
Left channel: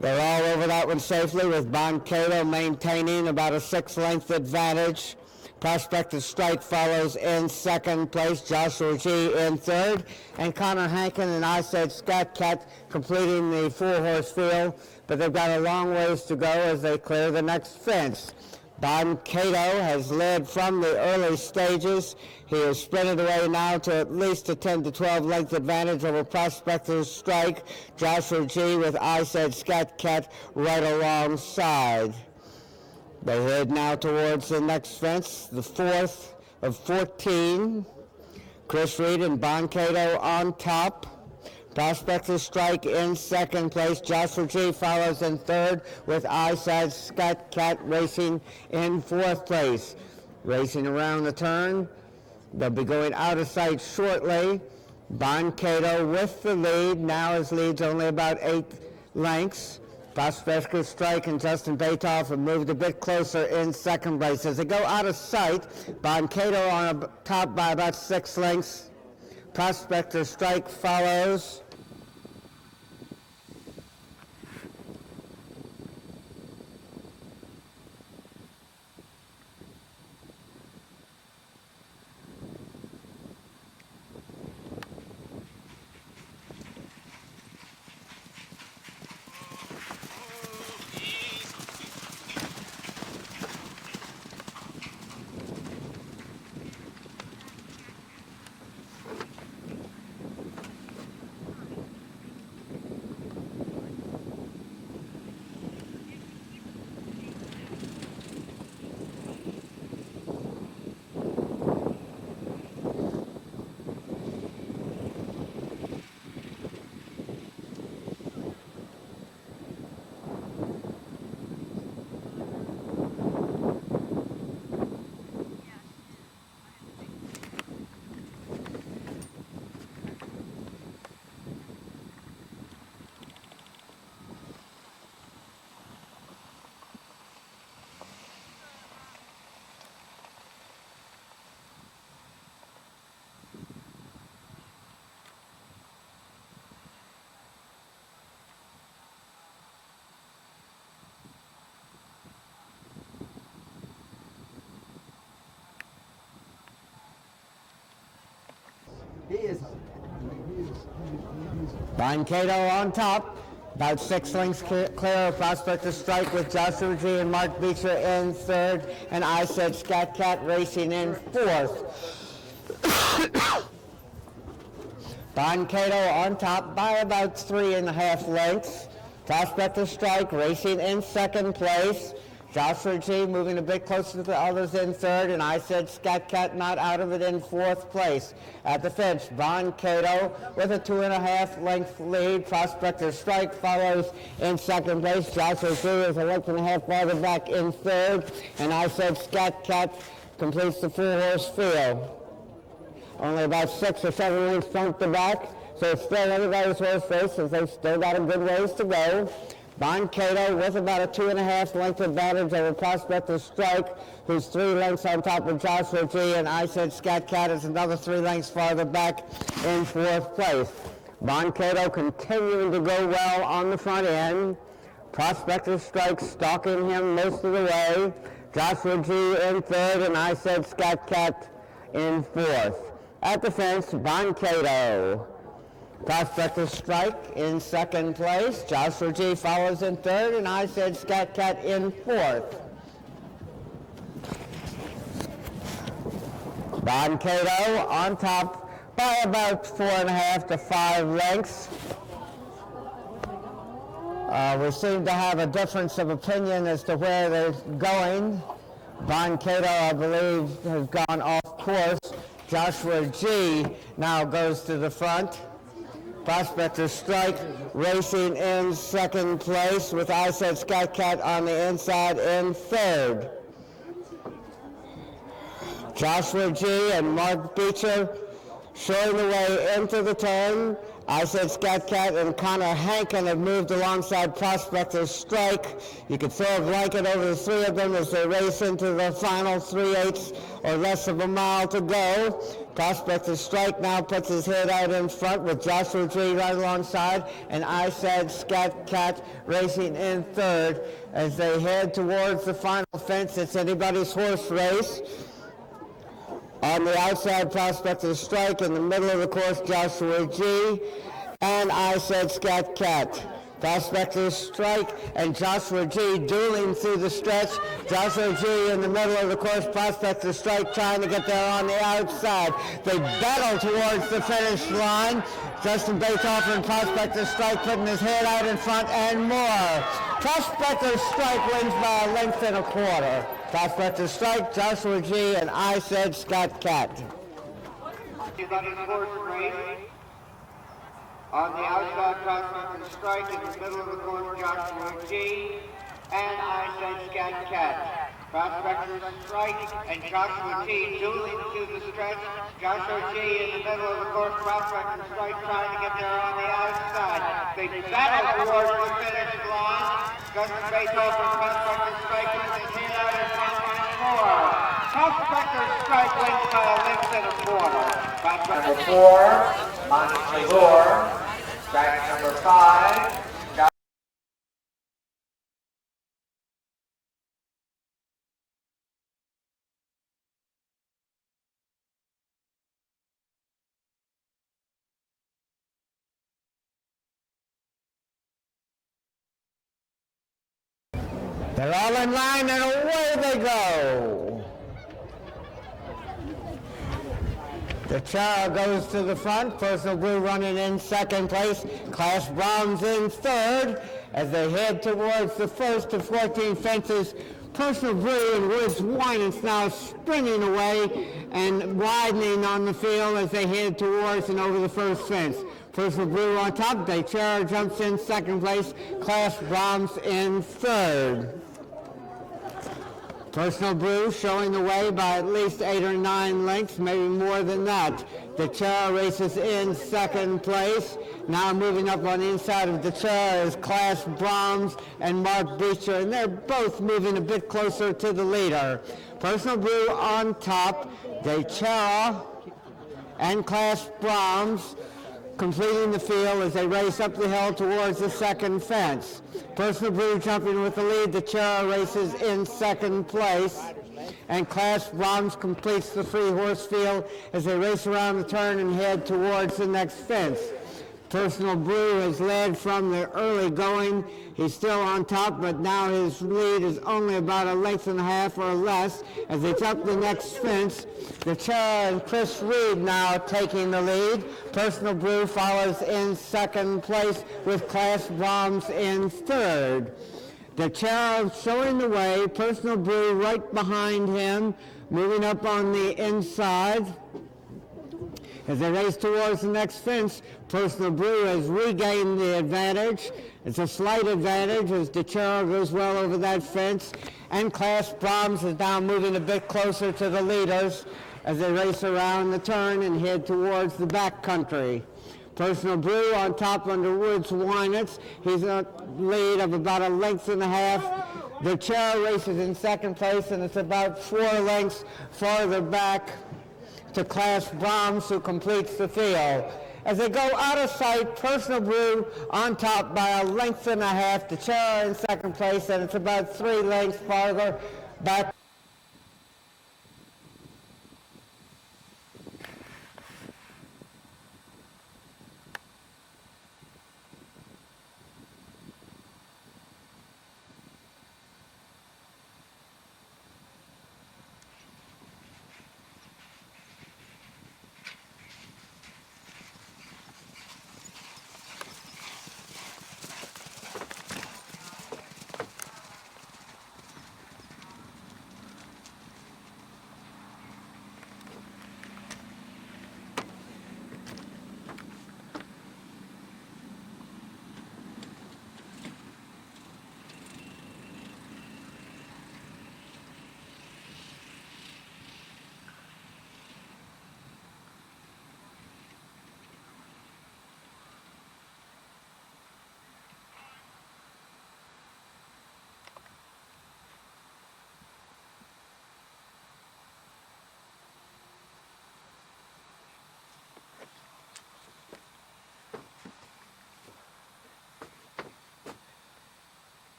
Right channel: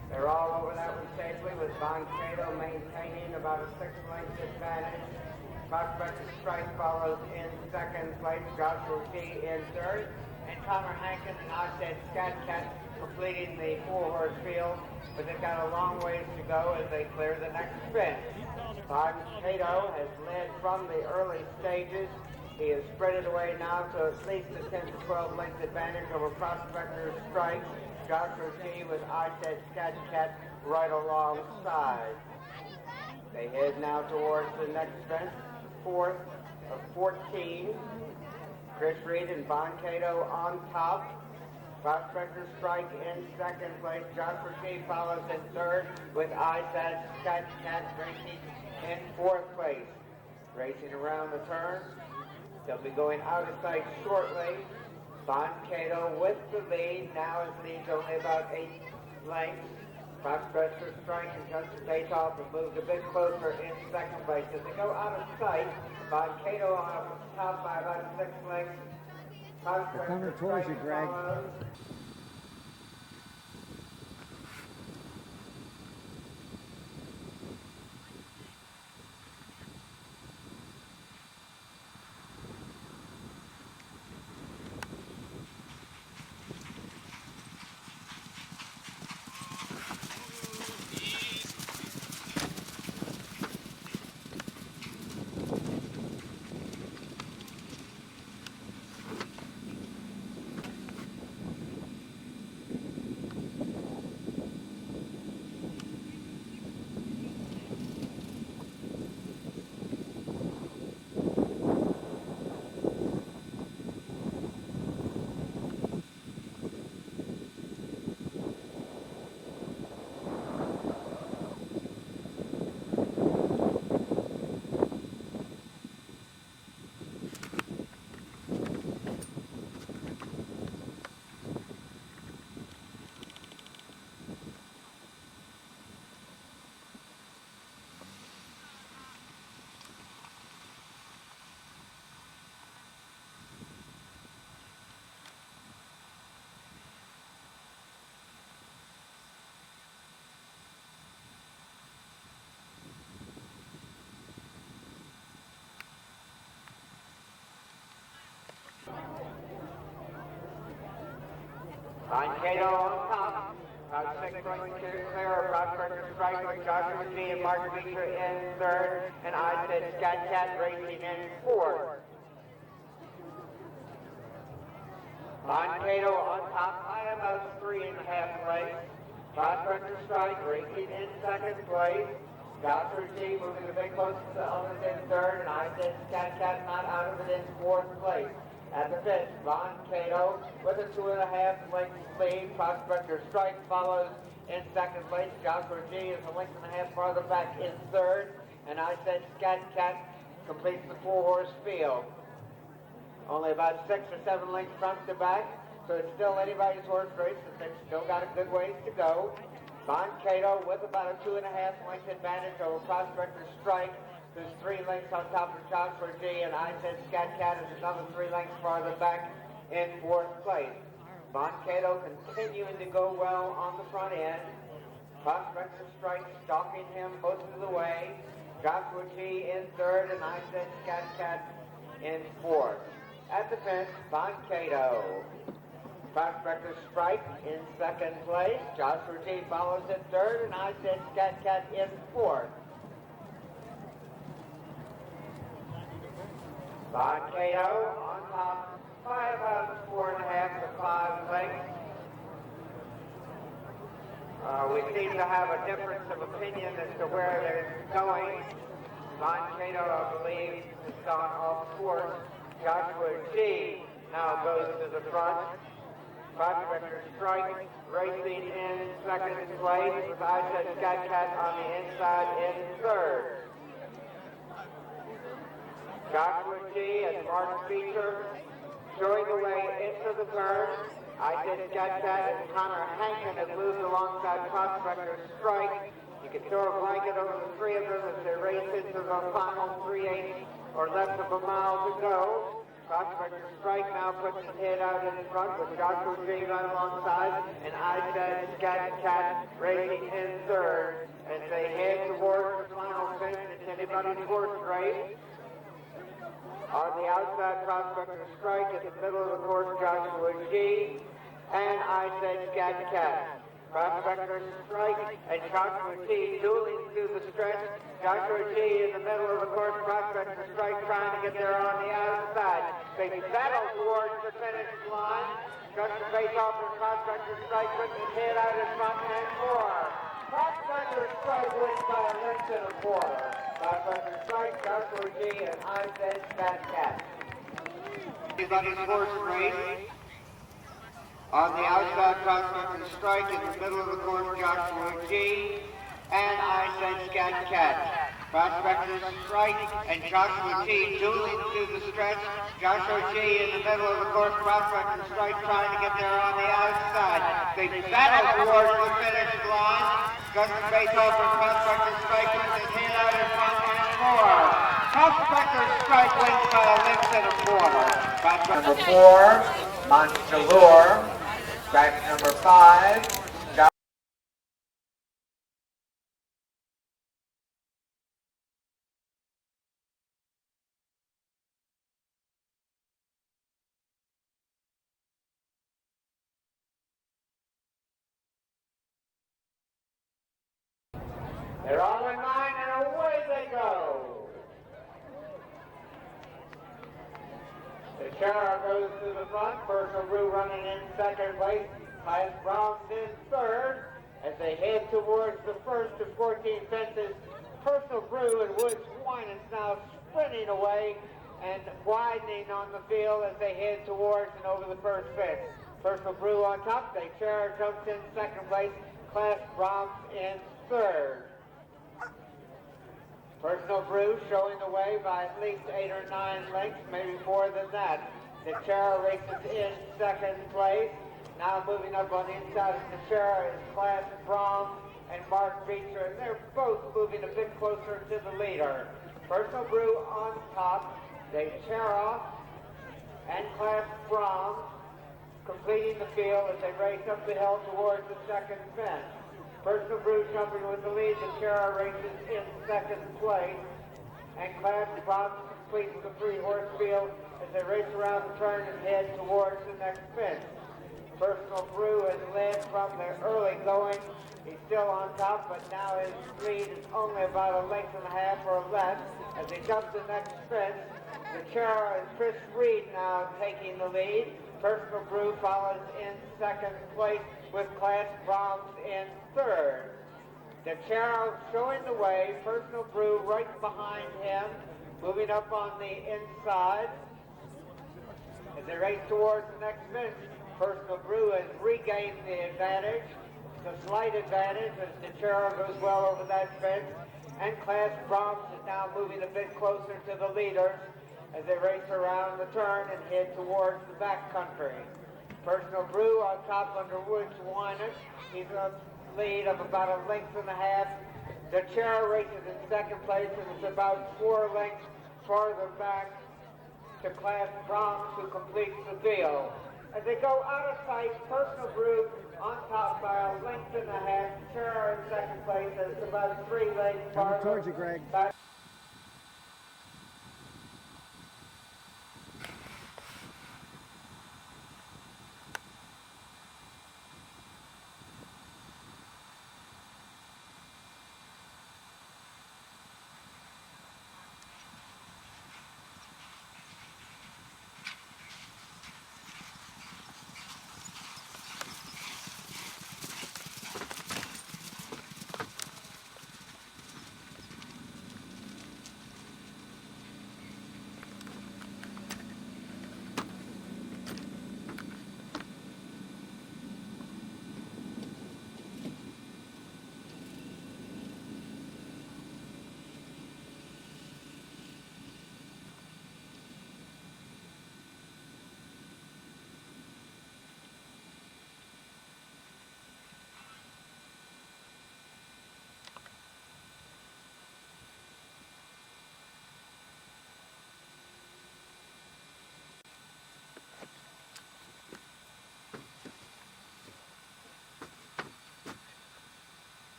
They're all over that one safely, with Bon Cato maintaining about a 6 length advantage. Prospector Strike follows in second place, Joshua G in third, and Connor Hankin and I Said Scat Cat completing the four-horse field, but they've got a long ways to go as they clear the next fence. Bon Cato has led from the early stages. He is sprinted away now to at least a 10 to 12 length advantage over Prospector Strike. Joshua G with I Said Scat Cat right alongside. They head now towards the next fence, the fourth of 14. Chris Reed and Bon Cato on top. Prospector Strike in second place. Joshua G follows in third with I Said Scat Cat racing in fourth place. Racing around the turn. They'll be going out of sight shortly. Bon Cato with the lead. Now his lead's only about 8 lengths. Prospector Strike and Justin Batoff have moved a bit closer in second place. As they go out of sight, Bon Cato on top by about 6 lengths. Prospector Strike follows. Bon Cato on top, about 6 lengths clear of Prospector Strike with Joshua G and Mark Beecher in third, and I Said Scat Cat racing in fourth. Bon Cato on top by about 3.5 lengths. Prospector Strike racing in second place. Joshua G moving a bit closer to the others in third, and I said Scat Cat not out of it in fourth place. At the fence, Von Cato with a 2.5 length lead. Prospector Strike follows in second place. Joshua G is a 1.5 farther back in third, and I said Scat Cat completes the full horse field. Only about 6 or 7 weeks front to back, so it's still everybody's horse race, as they've still got a good ways to go. Von Cato with about a 2.5 length advantage over Prospector Strike, who's 3 lengths on top of Joshua G, and I said Scat Cat is another 3 lengths farther back in fourth place. Von Cato continuing to go well on the front end. Prospector Strike stalking him most of the way. Joshua G in third, and I said Scat Cat in fourth. At the fence, Von Cato. Prospector Strike in second place. Joshua G follows in third, and I said Scat Cat in fourth. Von Cato on top by about 4.5 to 5 lengths. We seem to have a difference of opinion as to where they're going. Von Cato, I believe, has gone off course. Joshua G now goes to the front. Prospector Strike racing in second place with I said Scat Cat on the inside in third. Joshua G and Mark Beecher showing the way into the turn. I said Scat Cat and Connor Hankin have moved alongside Prospector Strike. You can throw a blanket over the 3 of them as they race into the final 3/8 or less of a mile to go. Prospector Strike now puts his head out in front with Joshua G right alongside, and I said Scat Cat racing in third as they head towards the final fence. It's anybody's horse race. On the outside, Prospector Strike. In the middle of the course, Joshua G. And I said Scat Cat. Prospector Strike and Joshua G dueling through the stretch. Joshua G in the middle of the course. Prospector Strike trying to get there on the outside. They battle towards the finish line. Justin Baitoff and Prospector Strike putting his head out in front and more. Prospector Strike wins by a length and a quarter. Prospector Strike, Joshua G, and I said Scat Cat. He's on his horse race. On the outside, Prospector Strike. In the middle of the course, Joshua G. And I said Scat Cat. Prospector Strike and Joshua G dueling through the stretch. Joshua G in the middle of the course. Prospector Strike trying to get there on the outside. They battle towards the finish line. Justin Baitoff and Prospector Strike with his head out in front and more. Prospector Strike wins by a length and a quarter. Number 4, Montclair. Track number 5. They're all in line and away they go. The Chara goes to the front. Personal Brew running in second place. Class Browns in third as they head towards the first of 14 fences. Personal Brew and Woods Winans now springing away and widening on the field as they head towards and over the first fence. Personal Brew on top. Chara jumps in second place. Class Browns in third. Personal Brew showing the way by at least 8 or 9 lengths, maybe more than that. The Chara races in second place. Now moving up on the inside of the Chara is Class Brahms and Mark Beecher, and they're both moving a bit closer to the leader. Personal Brew on top. The Chara and Class Brahms completing the field as they race up the hill towards the second fence. Personal Brew jumping with the lead. The Chara races in second place. And Class Brahms completes the free horse field as they race around the turn and head towards the next fence. Personal Brew is led from the early going. He's still on top, but now his lead is only about a length and a half or less as they jump the next fence. The Chara and Chris Reed now taking the lead. Personal Brew follows in second place with Class Brahms in third. The Cherub showing the way, Personal Brew right behind him, moving up on the inside. As they race towards the next fence, Personal Brew has regained the advantage. It's a slight advantage as the Cherub goes well over that fence, and Class Brahms is now moving a bit closer to the leaders as they race around the turn and head towards the back country. Personal Brew on top under Woods Winans. He's in a lead of about a length and a half. The Cherub races in second place, and it's about 4 lengths farther back to Class Brahms, who completes the field. As they go out of sight, Personal Brew on top by a length and a half. The Cherub in second place, and it's about 3 lengths farther back.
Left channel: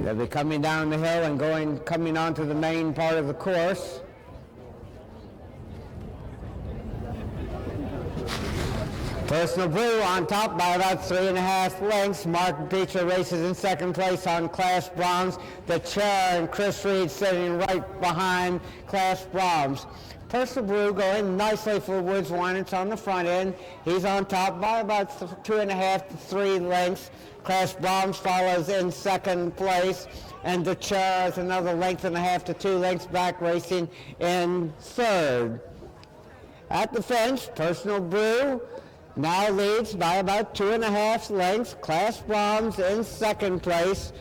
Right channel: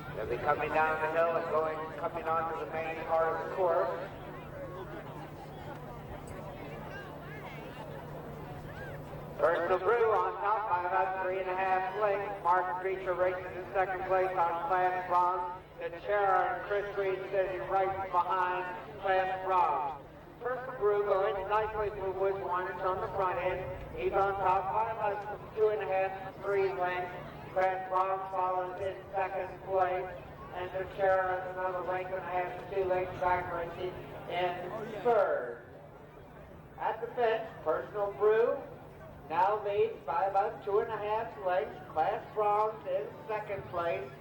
They'll be coming down the hill and coming onto the main part of the course. Personal Brew on top by about 3.5 lengths. Mark Beecher races in second place on Class Brahms. The Chair and Chris Reed sitting right behind Class Brahms. Personal Brew going nicely for Woods Winans on the front end. He's on top by about 2.5 to 3 lengths. Class Brahms follows in second place, and the Chair is another length and a half to 2 lengths back, racing in third. At the fence, Personal Brew now leads by about 2.5 lengths. Class Brahms in second place,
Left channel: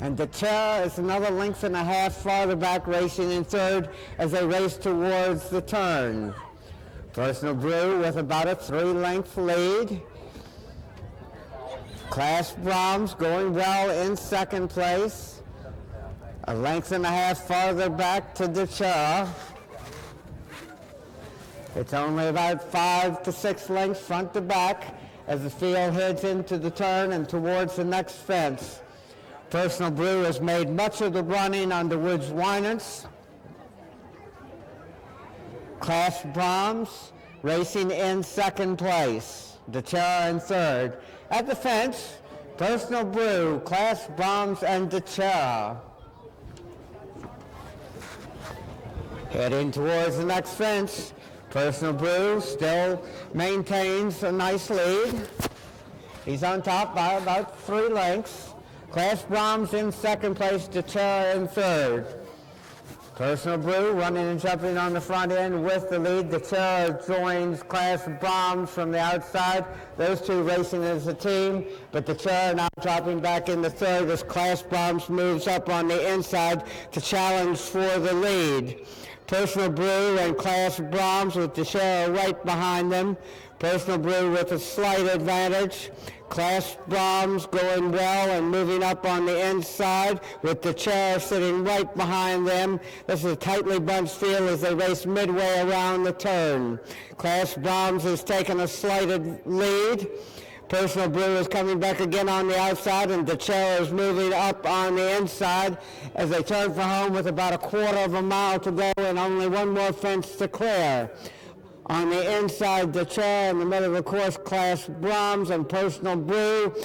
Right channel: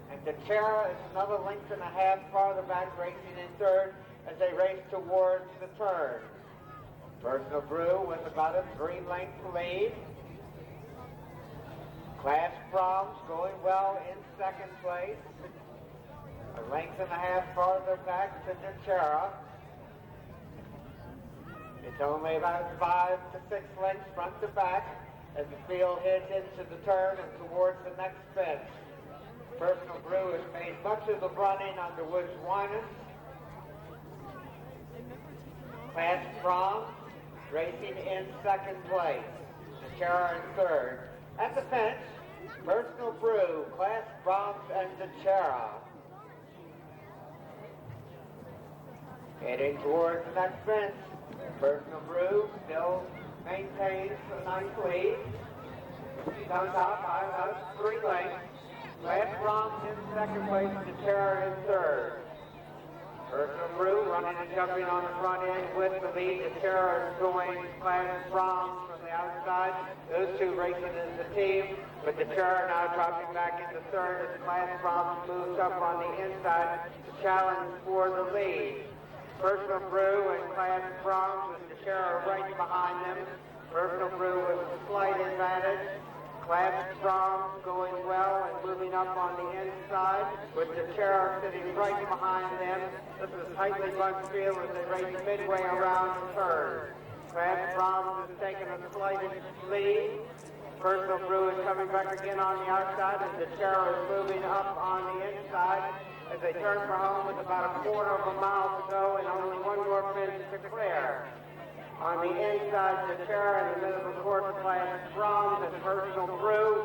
and the Chair is another length and a half farther back, racing in third as they race towards the turn. Personal Brew with about a 3-length lead. Class Brahms going well in second place. A length and a half farther back to the Chair. It's only about 5 to 6 lengths front to back as the field heads into the turn and towards the next fence. Personal Brew has made much of the running on the Woods Winans. Class Brahms racing in second place. The Chair in third. At the fence, Personal Brew, Class Brahms, and the Chair. Heading towards the next fence, Personal Brew still maintains a nice lead. He's on top by about 3 lengths. Class Brahms in second place, the Chair in third. Personal Brew running and jumping on the front end with the lead. The Chair joins Class Brahms from the outside. Those two racing as a team, but the Chair now dropping back in the third as Class Brahms moves up on the inside to challenge for the lead. Personal Brew and Class Brahms with the Chair right behind them. Personal Brew with a slight advantage. Class Brahms going well and moving up on the inside with the Chair sitting right behind them. This is a tightly bunched field as they race midway around the turn. Class Brahms has taken a slight lead. Personal Brew is coming back again on the outside, and the chair is moving up on the inside as they turn for home with about a quarter of a mile to go and only one more fence to clear. On the inside, the chair in the middle of the course, Class Brahms and Personal Brew.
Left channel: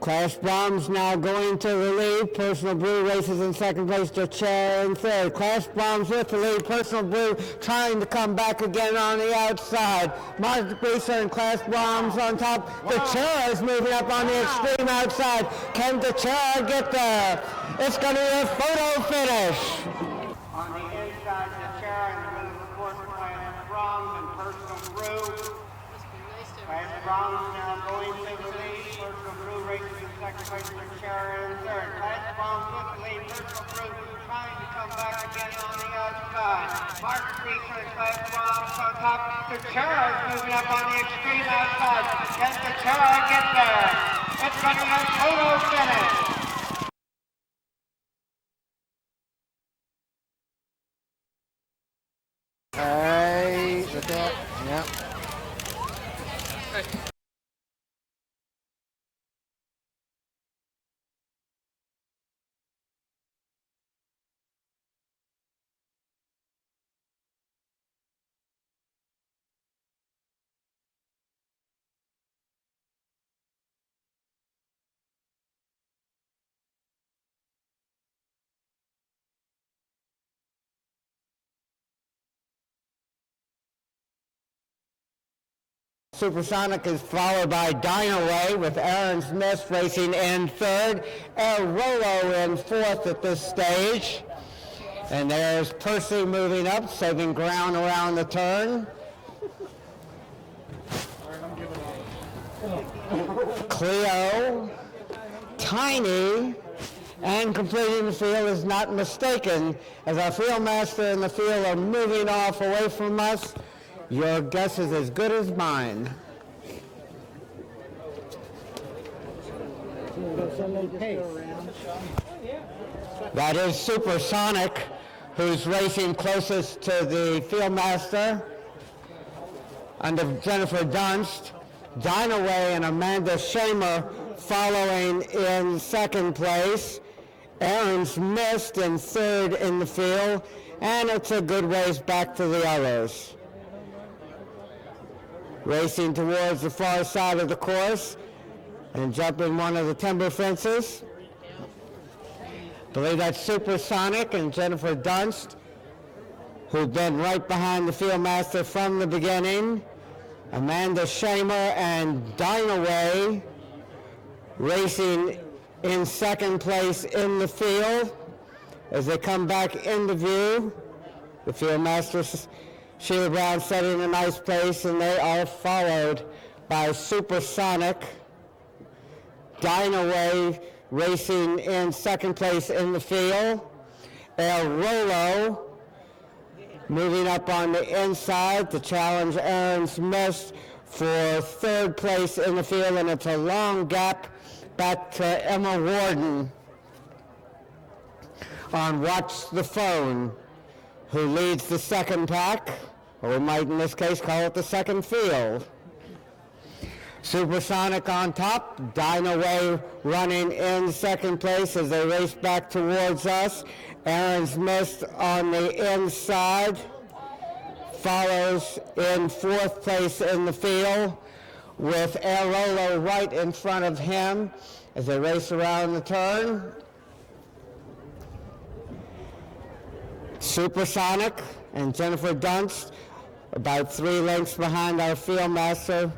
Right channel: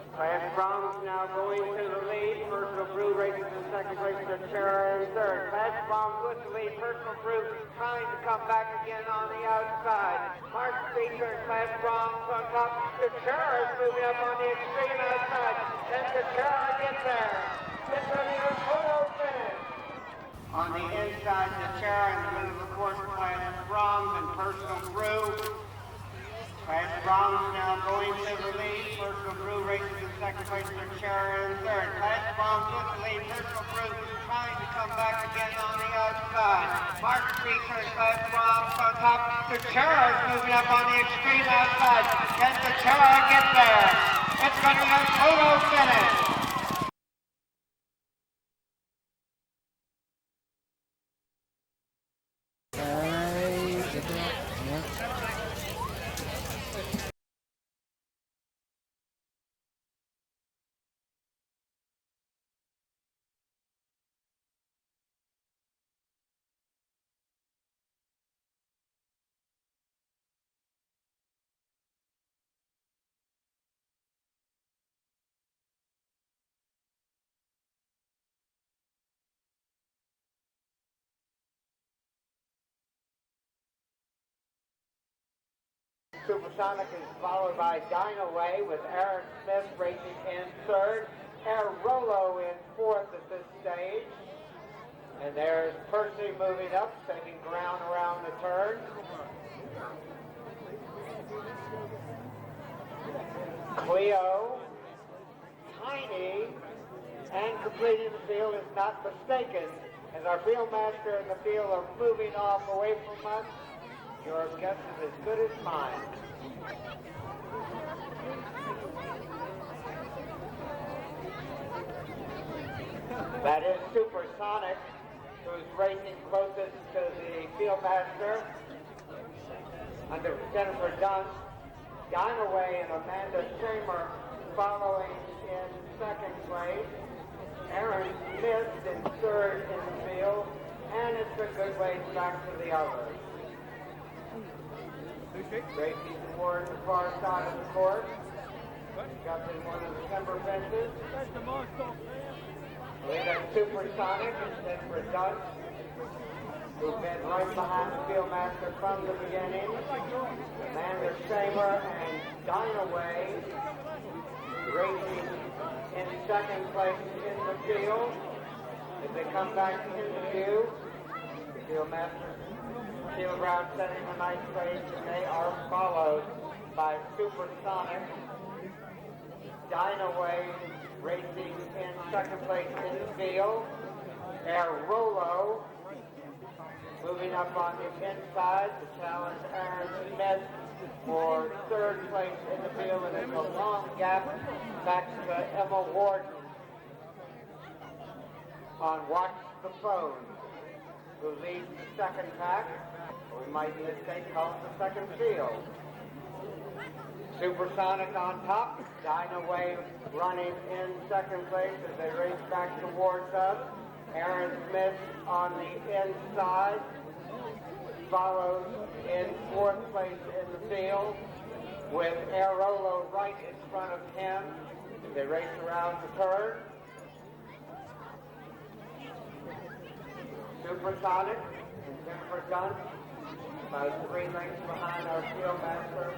Class Brahms now going to the lead. Personal Brew races in second place, the chair in third. Class Brahms with the lead. Personal Brew trying to come back again on the outside. Mark Brewster and Class Brahms on top. The chair is moving up on the extreme outside. Can the chair get there? It's going to be a photo finish. On the inside, the chair in the middle of the course, Class Brahms and Personal Brew. Class Brahms now going to the lead. Personal Brew races in second place, the chair in third. Class Brahms with the lead. Personal Brew trying to come back again on the outside. Mark Brewster and Class Brahms on top. The chair is moving up on the extreme outside. Can the chair get there? It's going to be a photo finish. Hey, get that? Yeah. Supersonic is followed by Dynaway with Aaron Smith racing in third. El Rolo in fourth at this stage. And there's Percy moving up, saving ground around the turn. Cleo, Tiny, and completing the field is Not Mistaken. As our field master and the field are moving off away from us, your guess is as good as mine. That is Supersonic, who's racing closest to the field master under Jennifer Dunst. Dynaway and Amanda Shamer following in second place. Aaron's missed in third in the field, and it's a good race back to the others. Racing towards the far side of the course and jumping one of the timber fences. I believe that's Supersonic and Jennifer Dunst, who've been right behind the field master from the beginning. Amanda Shamer and Dynaway racing in second place in the field. As they come back into view, the field master Sheila Brown setting a nice pace, and they are followed by Supersonic. Dynaway racing in second place in the field. El Rolo moving up on the inside to challenge Aaron Smith for third place in the field, and it's a long gap back to Emma Warden on Watch the Phone, who leads the second pack. Or we might in this case call it the second field. Supersonic on top, Dynaway running in second place as they race back towards us. Aaron Smith on the inside follows in fourth place in the field with Airolo right in front of him as they race around the turn. Supersonic and Jennifer Dunst about 3 lengths behind our field master.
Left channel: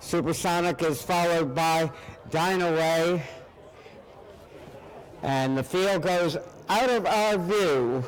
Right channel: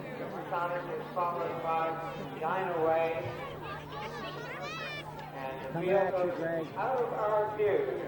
Supersonic is followed by Dynaway, and the field goes out of our view.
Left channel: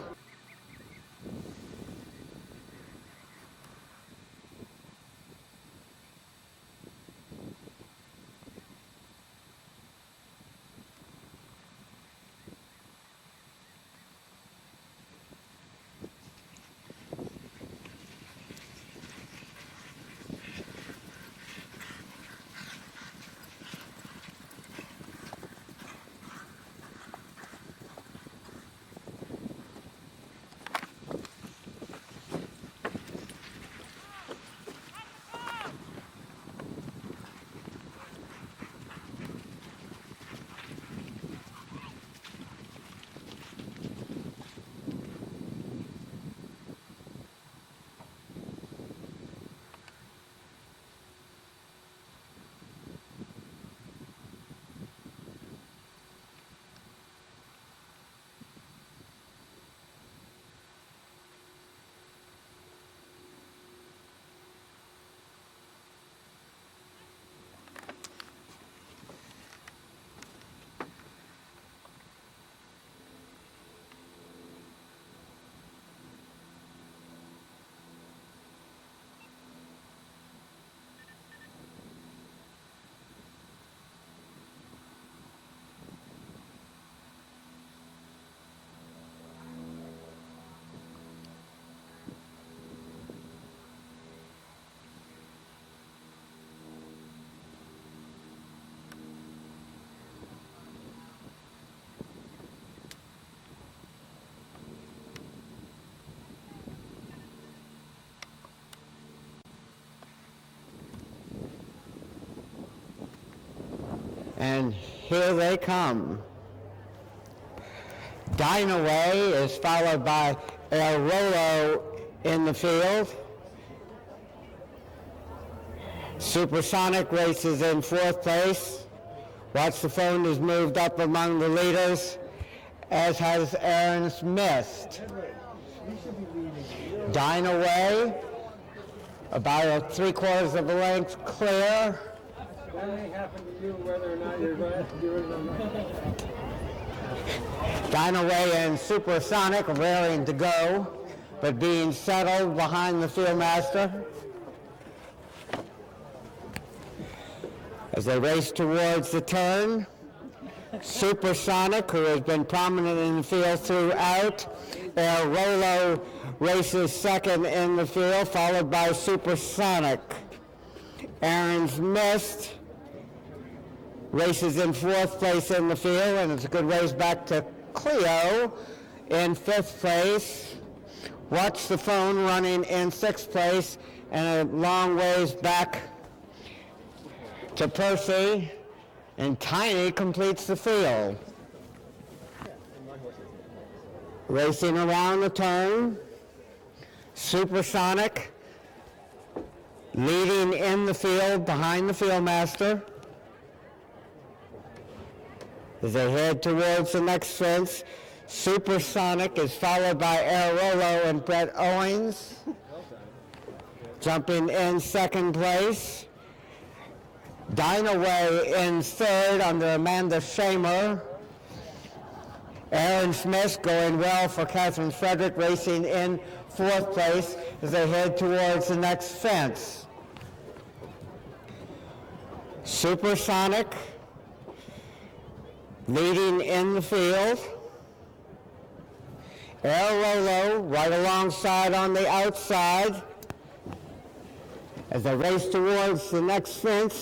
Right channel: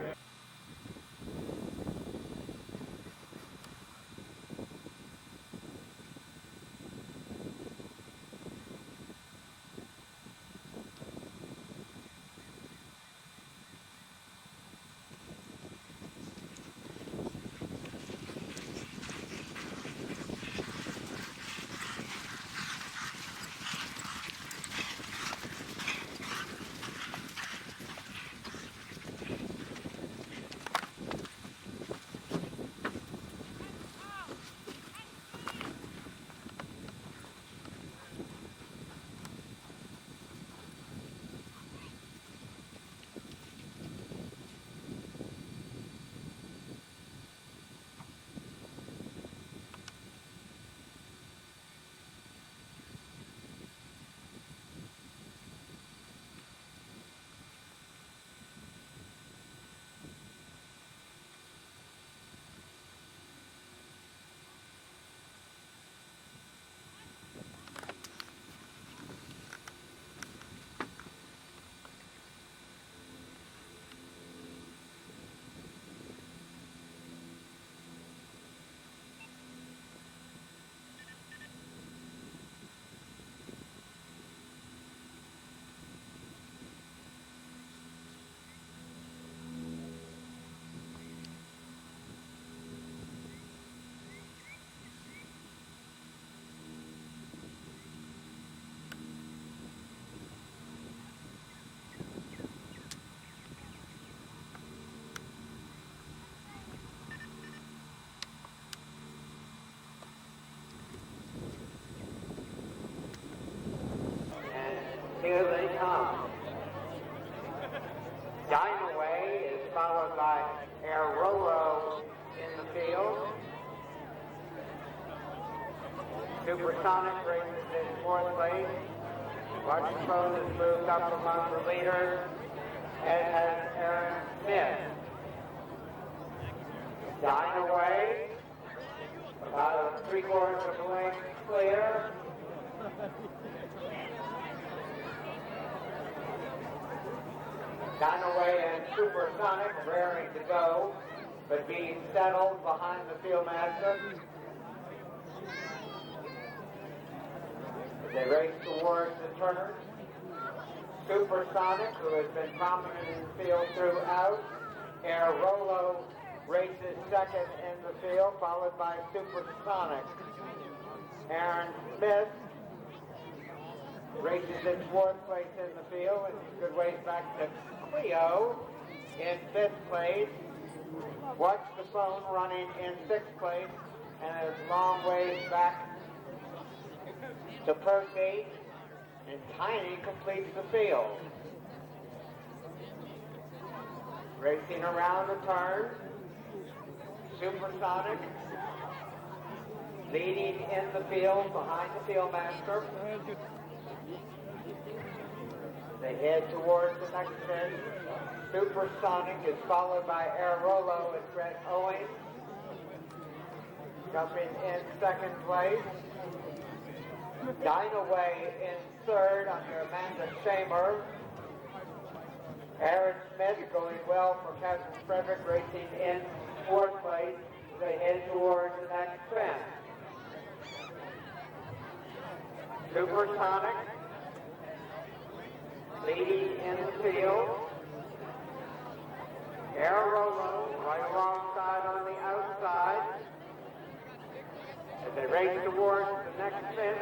Here they come. Dynaway is followed by El Rolo in the field. Supersonic races in 4th place. Watch the Phone has moved up among the leaders, as has Aaron's Mist. Dynaway, about 3/4 of a length clear. Dynaway and Supersonic are raring to go, but being settled behind the Fieldmaster. As they race towards the turn, Supersonic, who has been prominent in the field throughout, El Rolo races second in the field, followed by Supersonic. Aaron's Mist races in 4th place in the field, and it's a good race back to Cleo in 5th place. Watch the Phone running in 6th place, and a long ways back to Percy, and Tiny completes the field. Racing around the turn, Supersonic leading in the field behind the Fieldmaster. As they head towards the next fence, Supersonic is followed by El Rolo and Brett Owens. Jumping in 2nd place. Dynaway in 3rd under Amanda Shamer. Aaron Smith going well for Catherine Frederick, racing in 4th place as they head towards the next fence. Supersonic leading in the field. El Rolo right alongside on the outside as they race towards the next fence.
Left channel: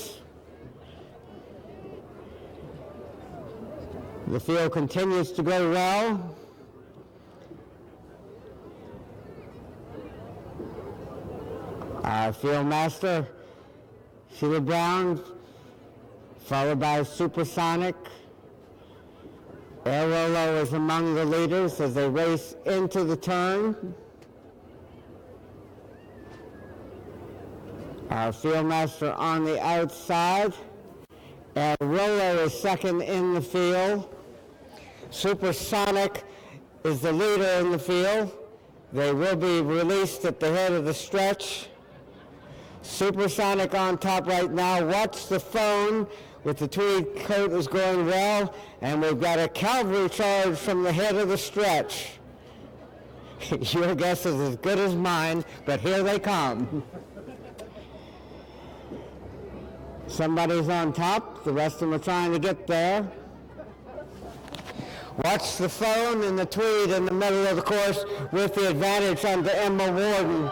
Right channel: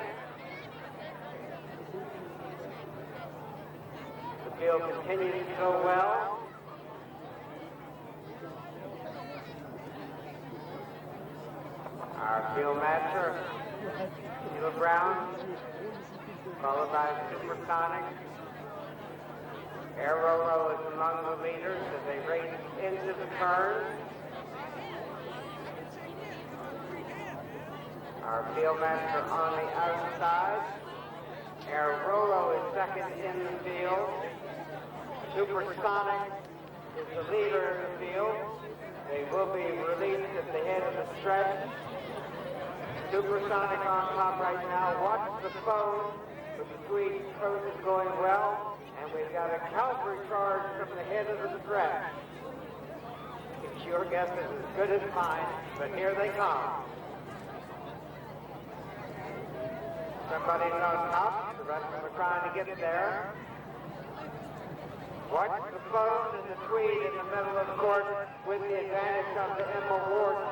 The field continues to go well. Our Fieldmaster, Sheila Brown, followed by Supersonic. El Rolo is among the leaders as they race into the turn. Our Fieldmaster on the outside. El Rolo is second in the field. Supersonic is the leader in the field. They will be released at the head of the stretch. Supersonic on top right now. Watch the Phone with the tweed coat is going well, and we've got a cavalry charge from the head of the stretch. Your guess is as good as mine, but here they come. Somebody's on top, the rest of them are trying to get there. Watch the Phone and the tweed in the middle of the course with the advantage under Emma Warden.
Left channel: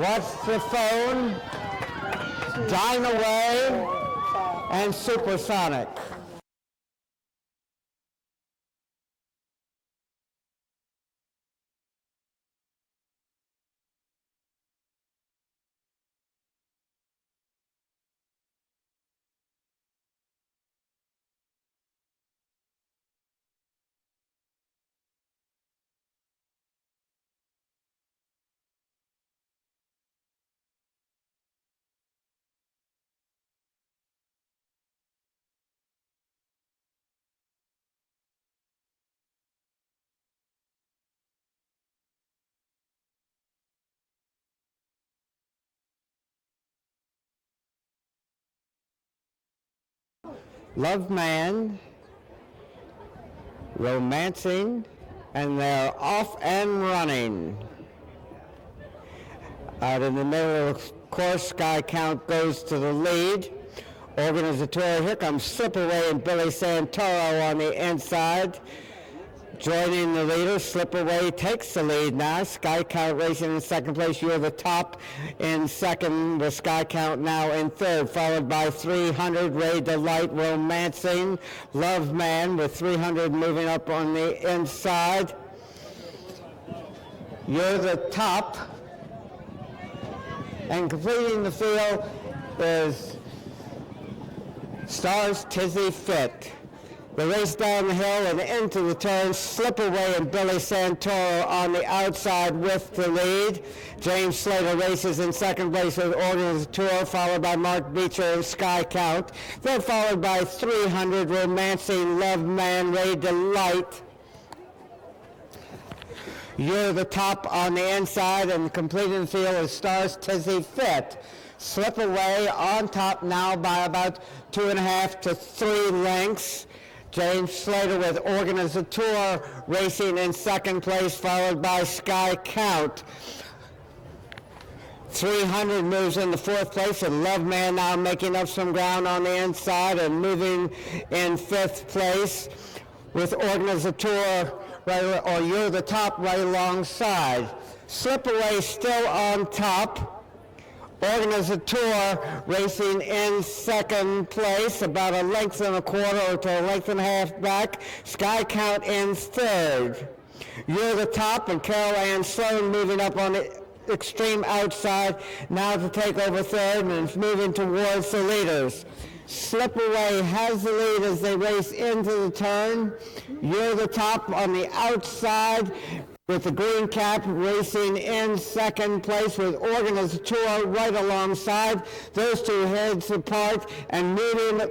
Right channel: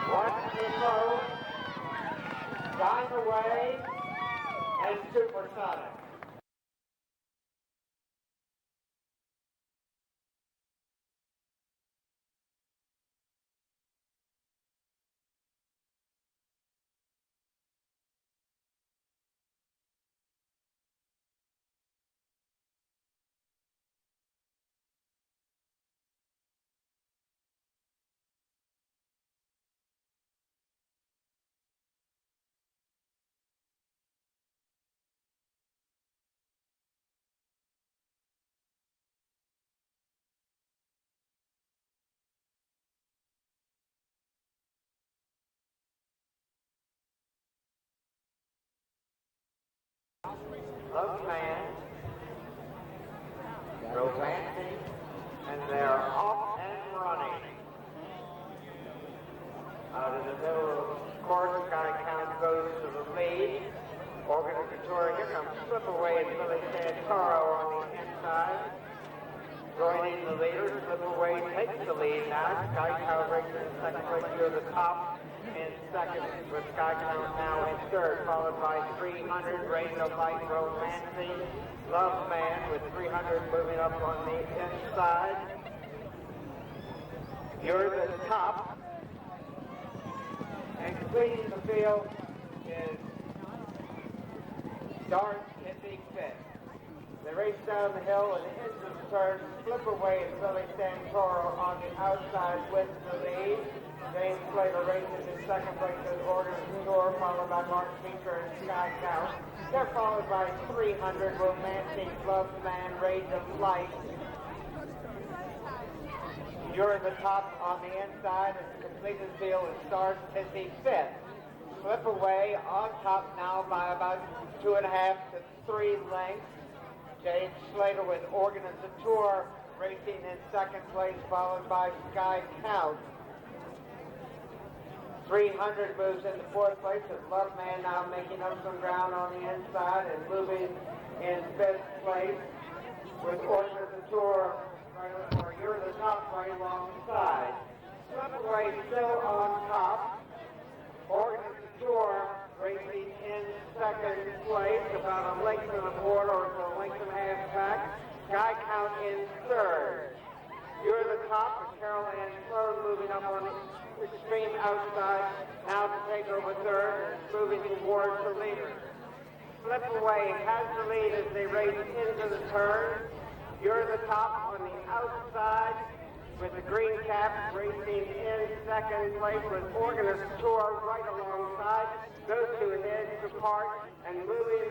Watch the Phone, Dynaway, and Supersonic. Love Man, Romancing, and they're off and running. Out in the middle of the course, Sky Count goes to the lead. Organizator, here comes Slipaway and Billy Santoro on the inside. Joining the leader, Slipaway takes the lead now. Sky Count racing in 2nd place. You're the top in 2nd, with Sky Count now in 3rd, followed by 300, Ray Delight, Romancing, Love Man with 300 moving up on the inside. You're the top. And completing the field is Stars Tizzy Fit. They race down the hill and into the turn, slip away, and Billy Santoro on the outside with the lead. James Slater races in second place with Orders Tour, followed by Mark Beecher and Sky Count. They're followed by 300 Romancing Love Man Ray Delight. You're the top on the inside, and completing the field is Stars Tizzy Fit. Slip away on top now by about 2.5 to 3 lengths. James Slater with Organizator racing in second place, followed by Sky Count. 300 moves into fourth place, and Love Man now making up some ground on the inside and moving in fifth place with Organizator, or You're the Top right alongside. Slip away still on top. Organizator racing in second place, about 1.25 lengths to 1.5 lengths back. Sky Count in third. You're the Top, and Carol Ann Sloan moving up on the extreme outside now to take over third, and is moving towards the leaders. Slip away has the lead as they race into the turn. You're the Top on the outside, with the green cap racing in second place with Organizator right alongside. Those two heads apart and moving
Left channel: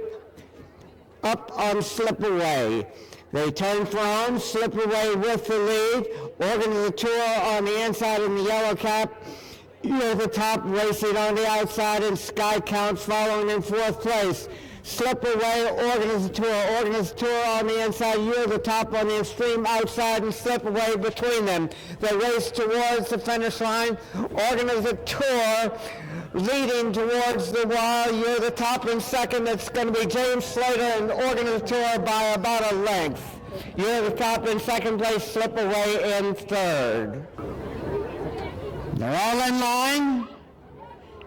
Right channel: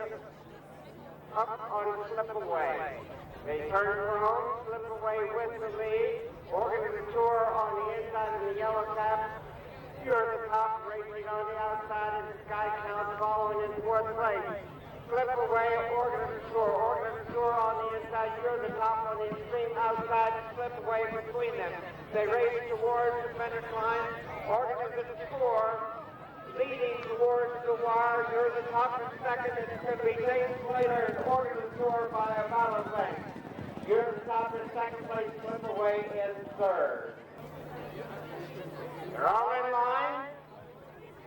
up on Slip Away. They turn for home, Slip Away with the lead. Organizator on the inside in the yellow cap. You're the Top racing on the outside, and Sky Counts following in fourth place. Slip Away, Organizator on the inside, You're the Top on the extreme outside, and Slip Away between them. They race towards the finish line. Organizator leading towards the wall. You're the Top in second. It's going to be James Slater and Organizator by about 1 length. You're the Top in second place, Slip Away in third. They're all in line,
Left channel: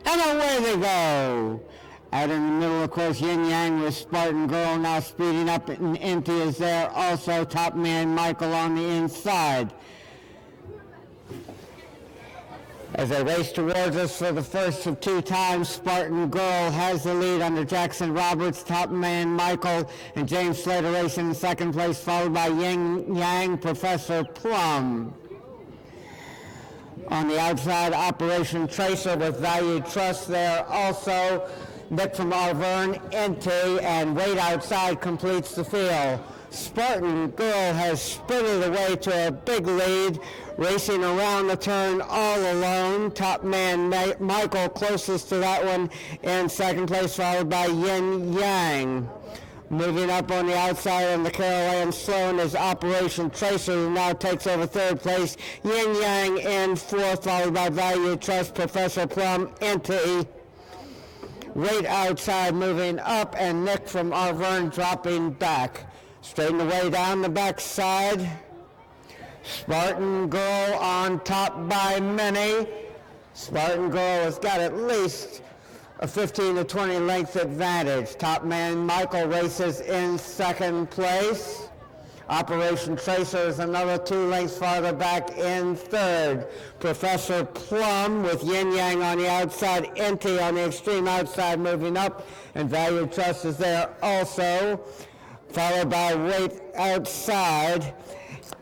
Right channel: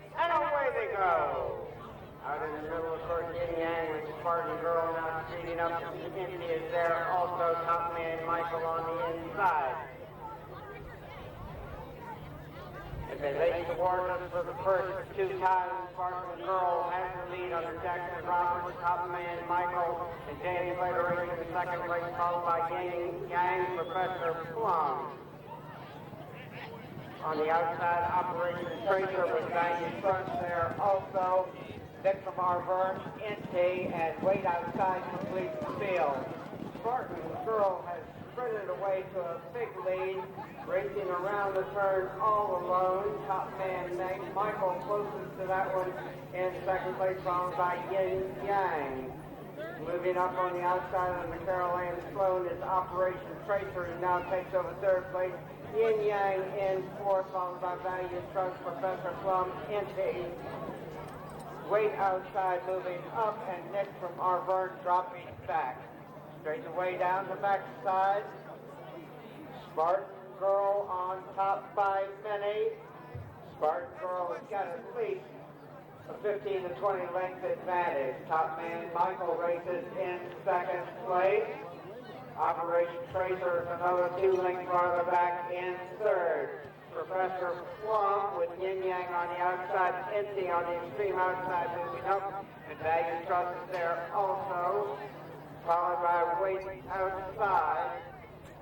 and away they go. Out in the middle, of course, Yin Yang with Spartan Girl now speeding up, and Inti is there also. Top Man Michael on the inside. As they race towards us for the first of 2 times, Spartan Girl has the lead under Jackson Roberts, Top Man Michael, and James Slater racing in second place, followed by Yin Yang, Professor Plum. On the outside, Operation Tracer with Value Trust there also. Nick from Arverne, Inti, and Wade outside completes the field. Spartan Girl has sprinted away to a big lead, racing around the turn all alone. Top Man Michael closest to that one in second place, followed by Yin Yang. Moving up on the outside on the Carol Ann Sloan is Operation Tracer, who now takes over third place. Yin Yang in fourth, followed by Value Trust, Professor Plum, Inti. Right outside moving up, and Nick from Arverne dropping back. Straighten away down the backside. Spartan Girl on top by many. Spartan Girl has got at least a 15 to 20 length advantage. Top Man Michael races in second place. Operation Tracer is another 2 lengths farther back in third. Professor Plum with Yin Yang on the outside, Inti on the extreme outside moving up, and Value Trust is there also, followed by Wait outside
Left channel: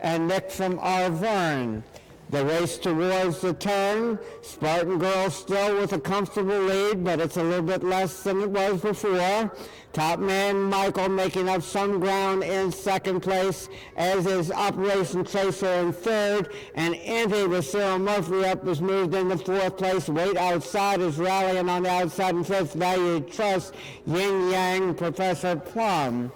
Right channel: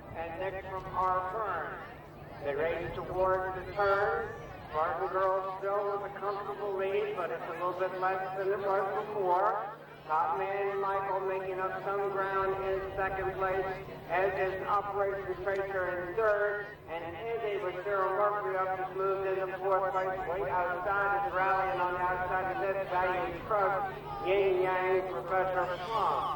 and Nick from Arverne. They race towards the turn. Spartan Girl still with a comfortable lead, but it's a little bit less than it was before. Top Man Michael making up some ground in second place, as is Operation Tracer in third, and Inti with Cyril Murphy up is moved into fourth place. Wait outside is rallying on the outside in fifth. Value Trust, Yin Yang, Professor Plum.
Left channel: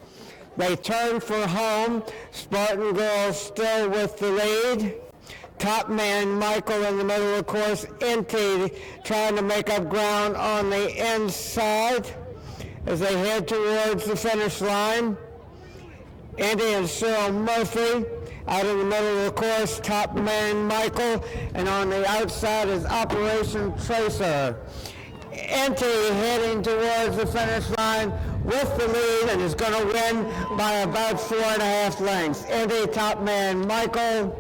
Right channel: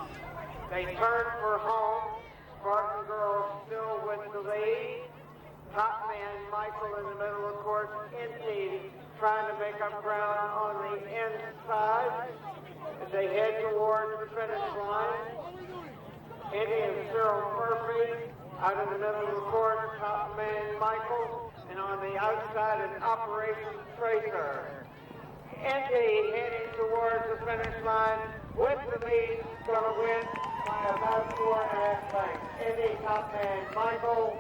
They turn for home. Spartan Girl still with the lead. Top Man Michael in the middle of the course. Inti trying to make up ground on the inside as they head towards the finish line. Inti and Cyril Murphy out in the middle of the course. Top Man Michael, and on the outside is Operation Tracer. Inti heading towards the finish line with the lead and is going to win by about 4.5 lengths. Inti, Top Man Michael.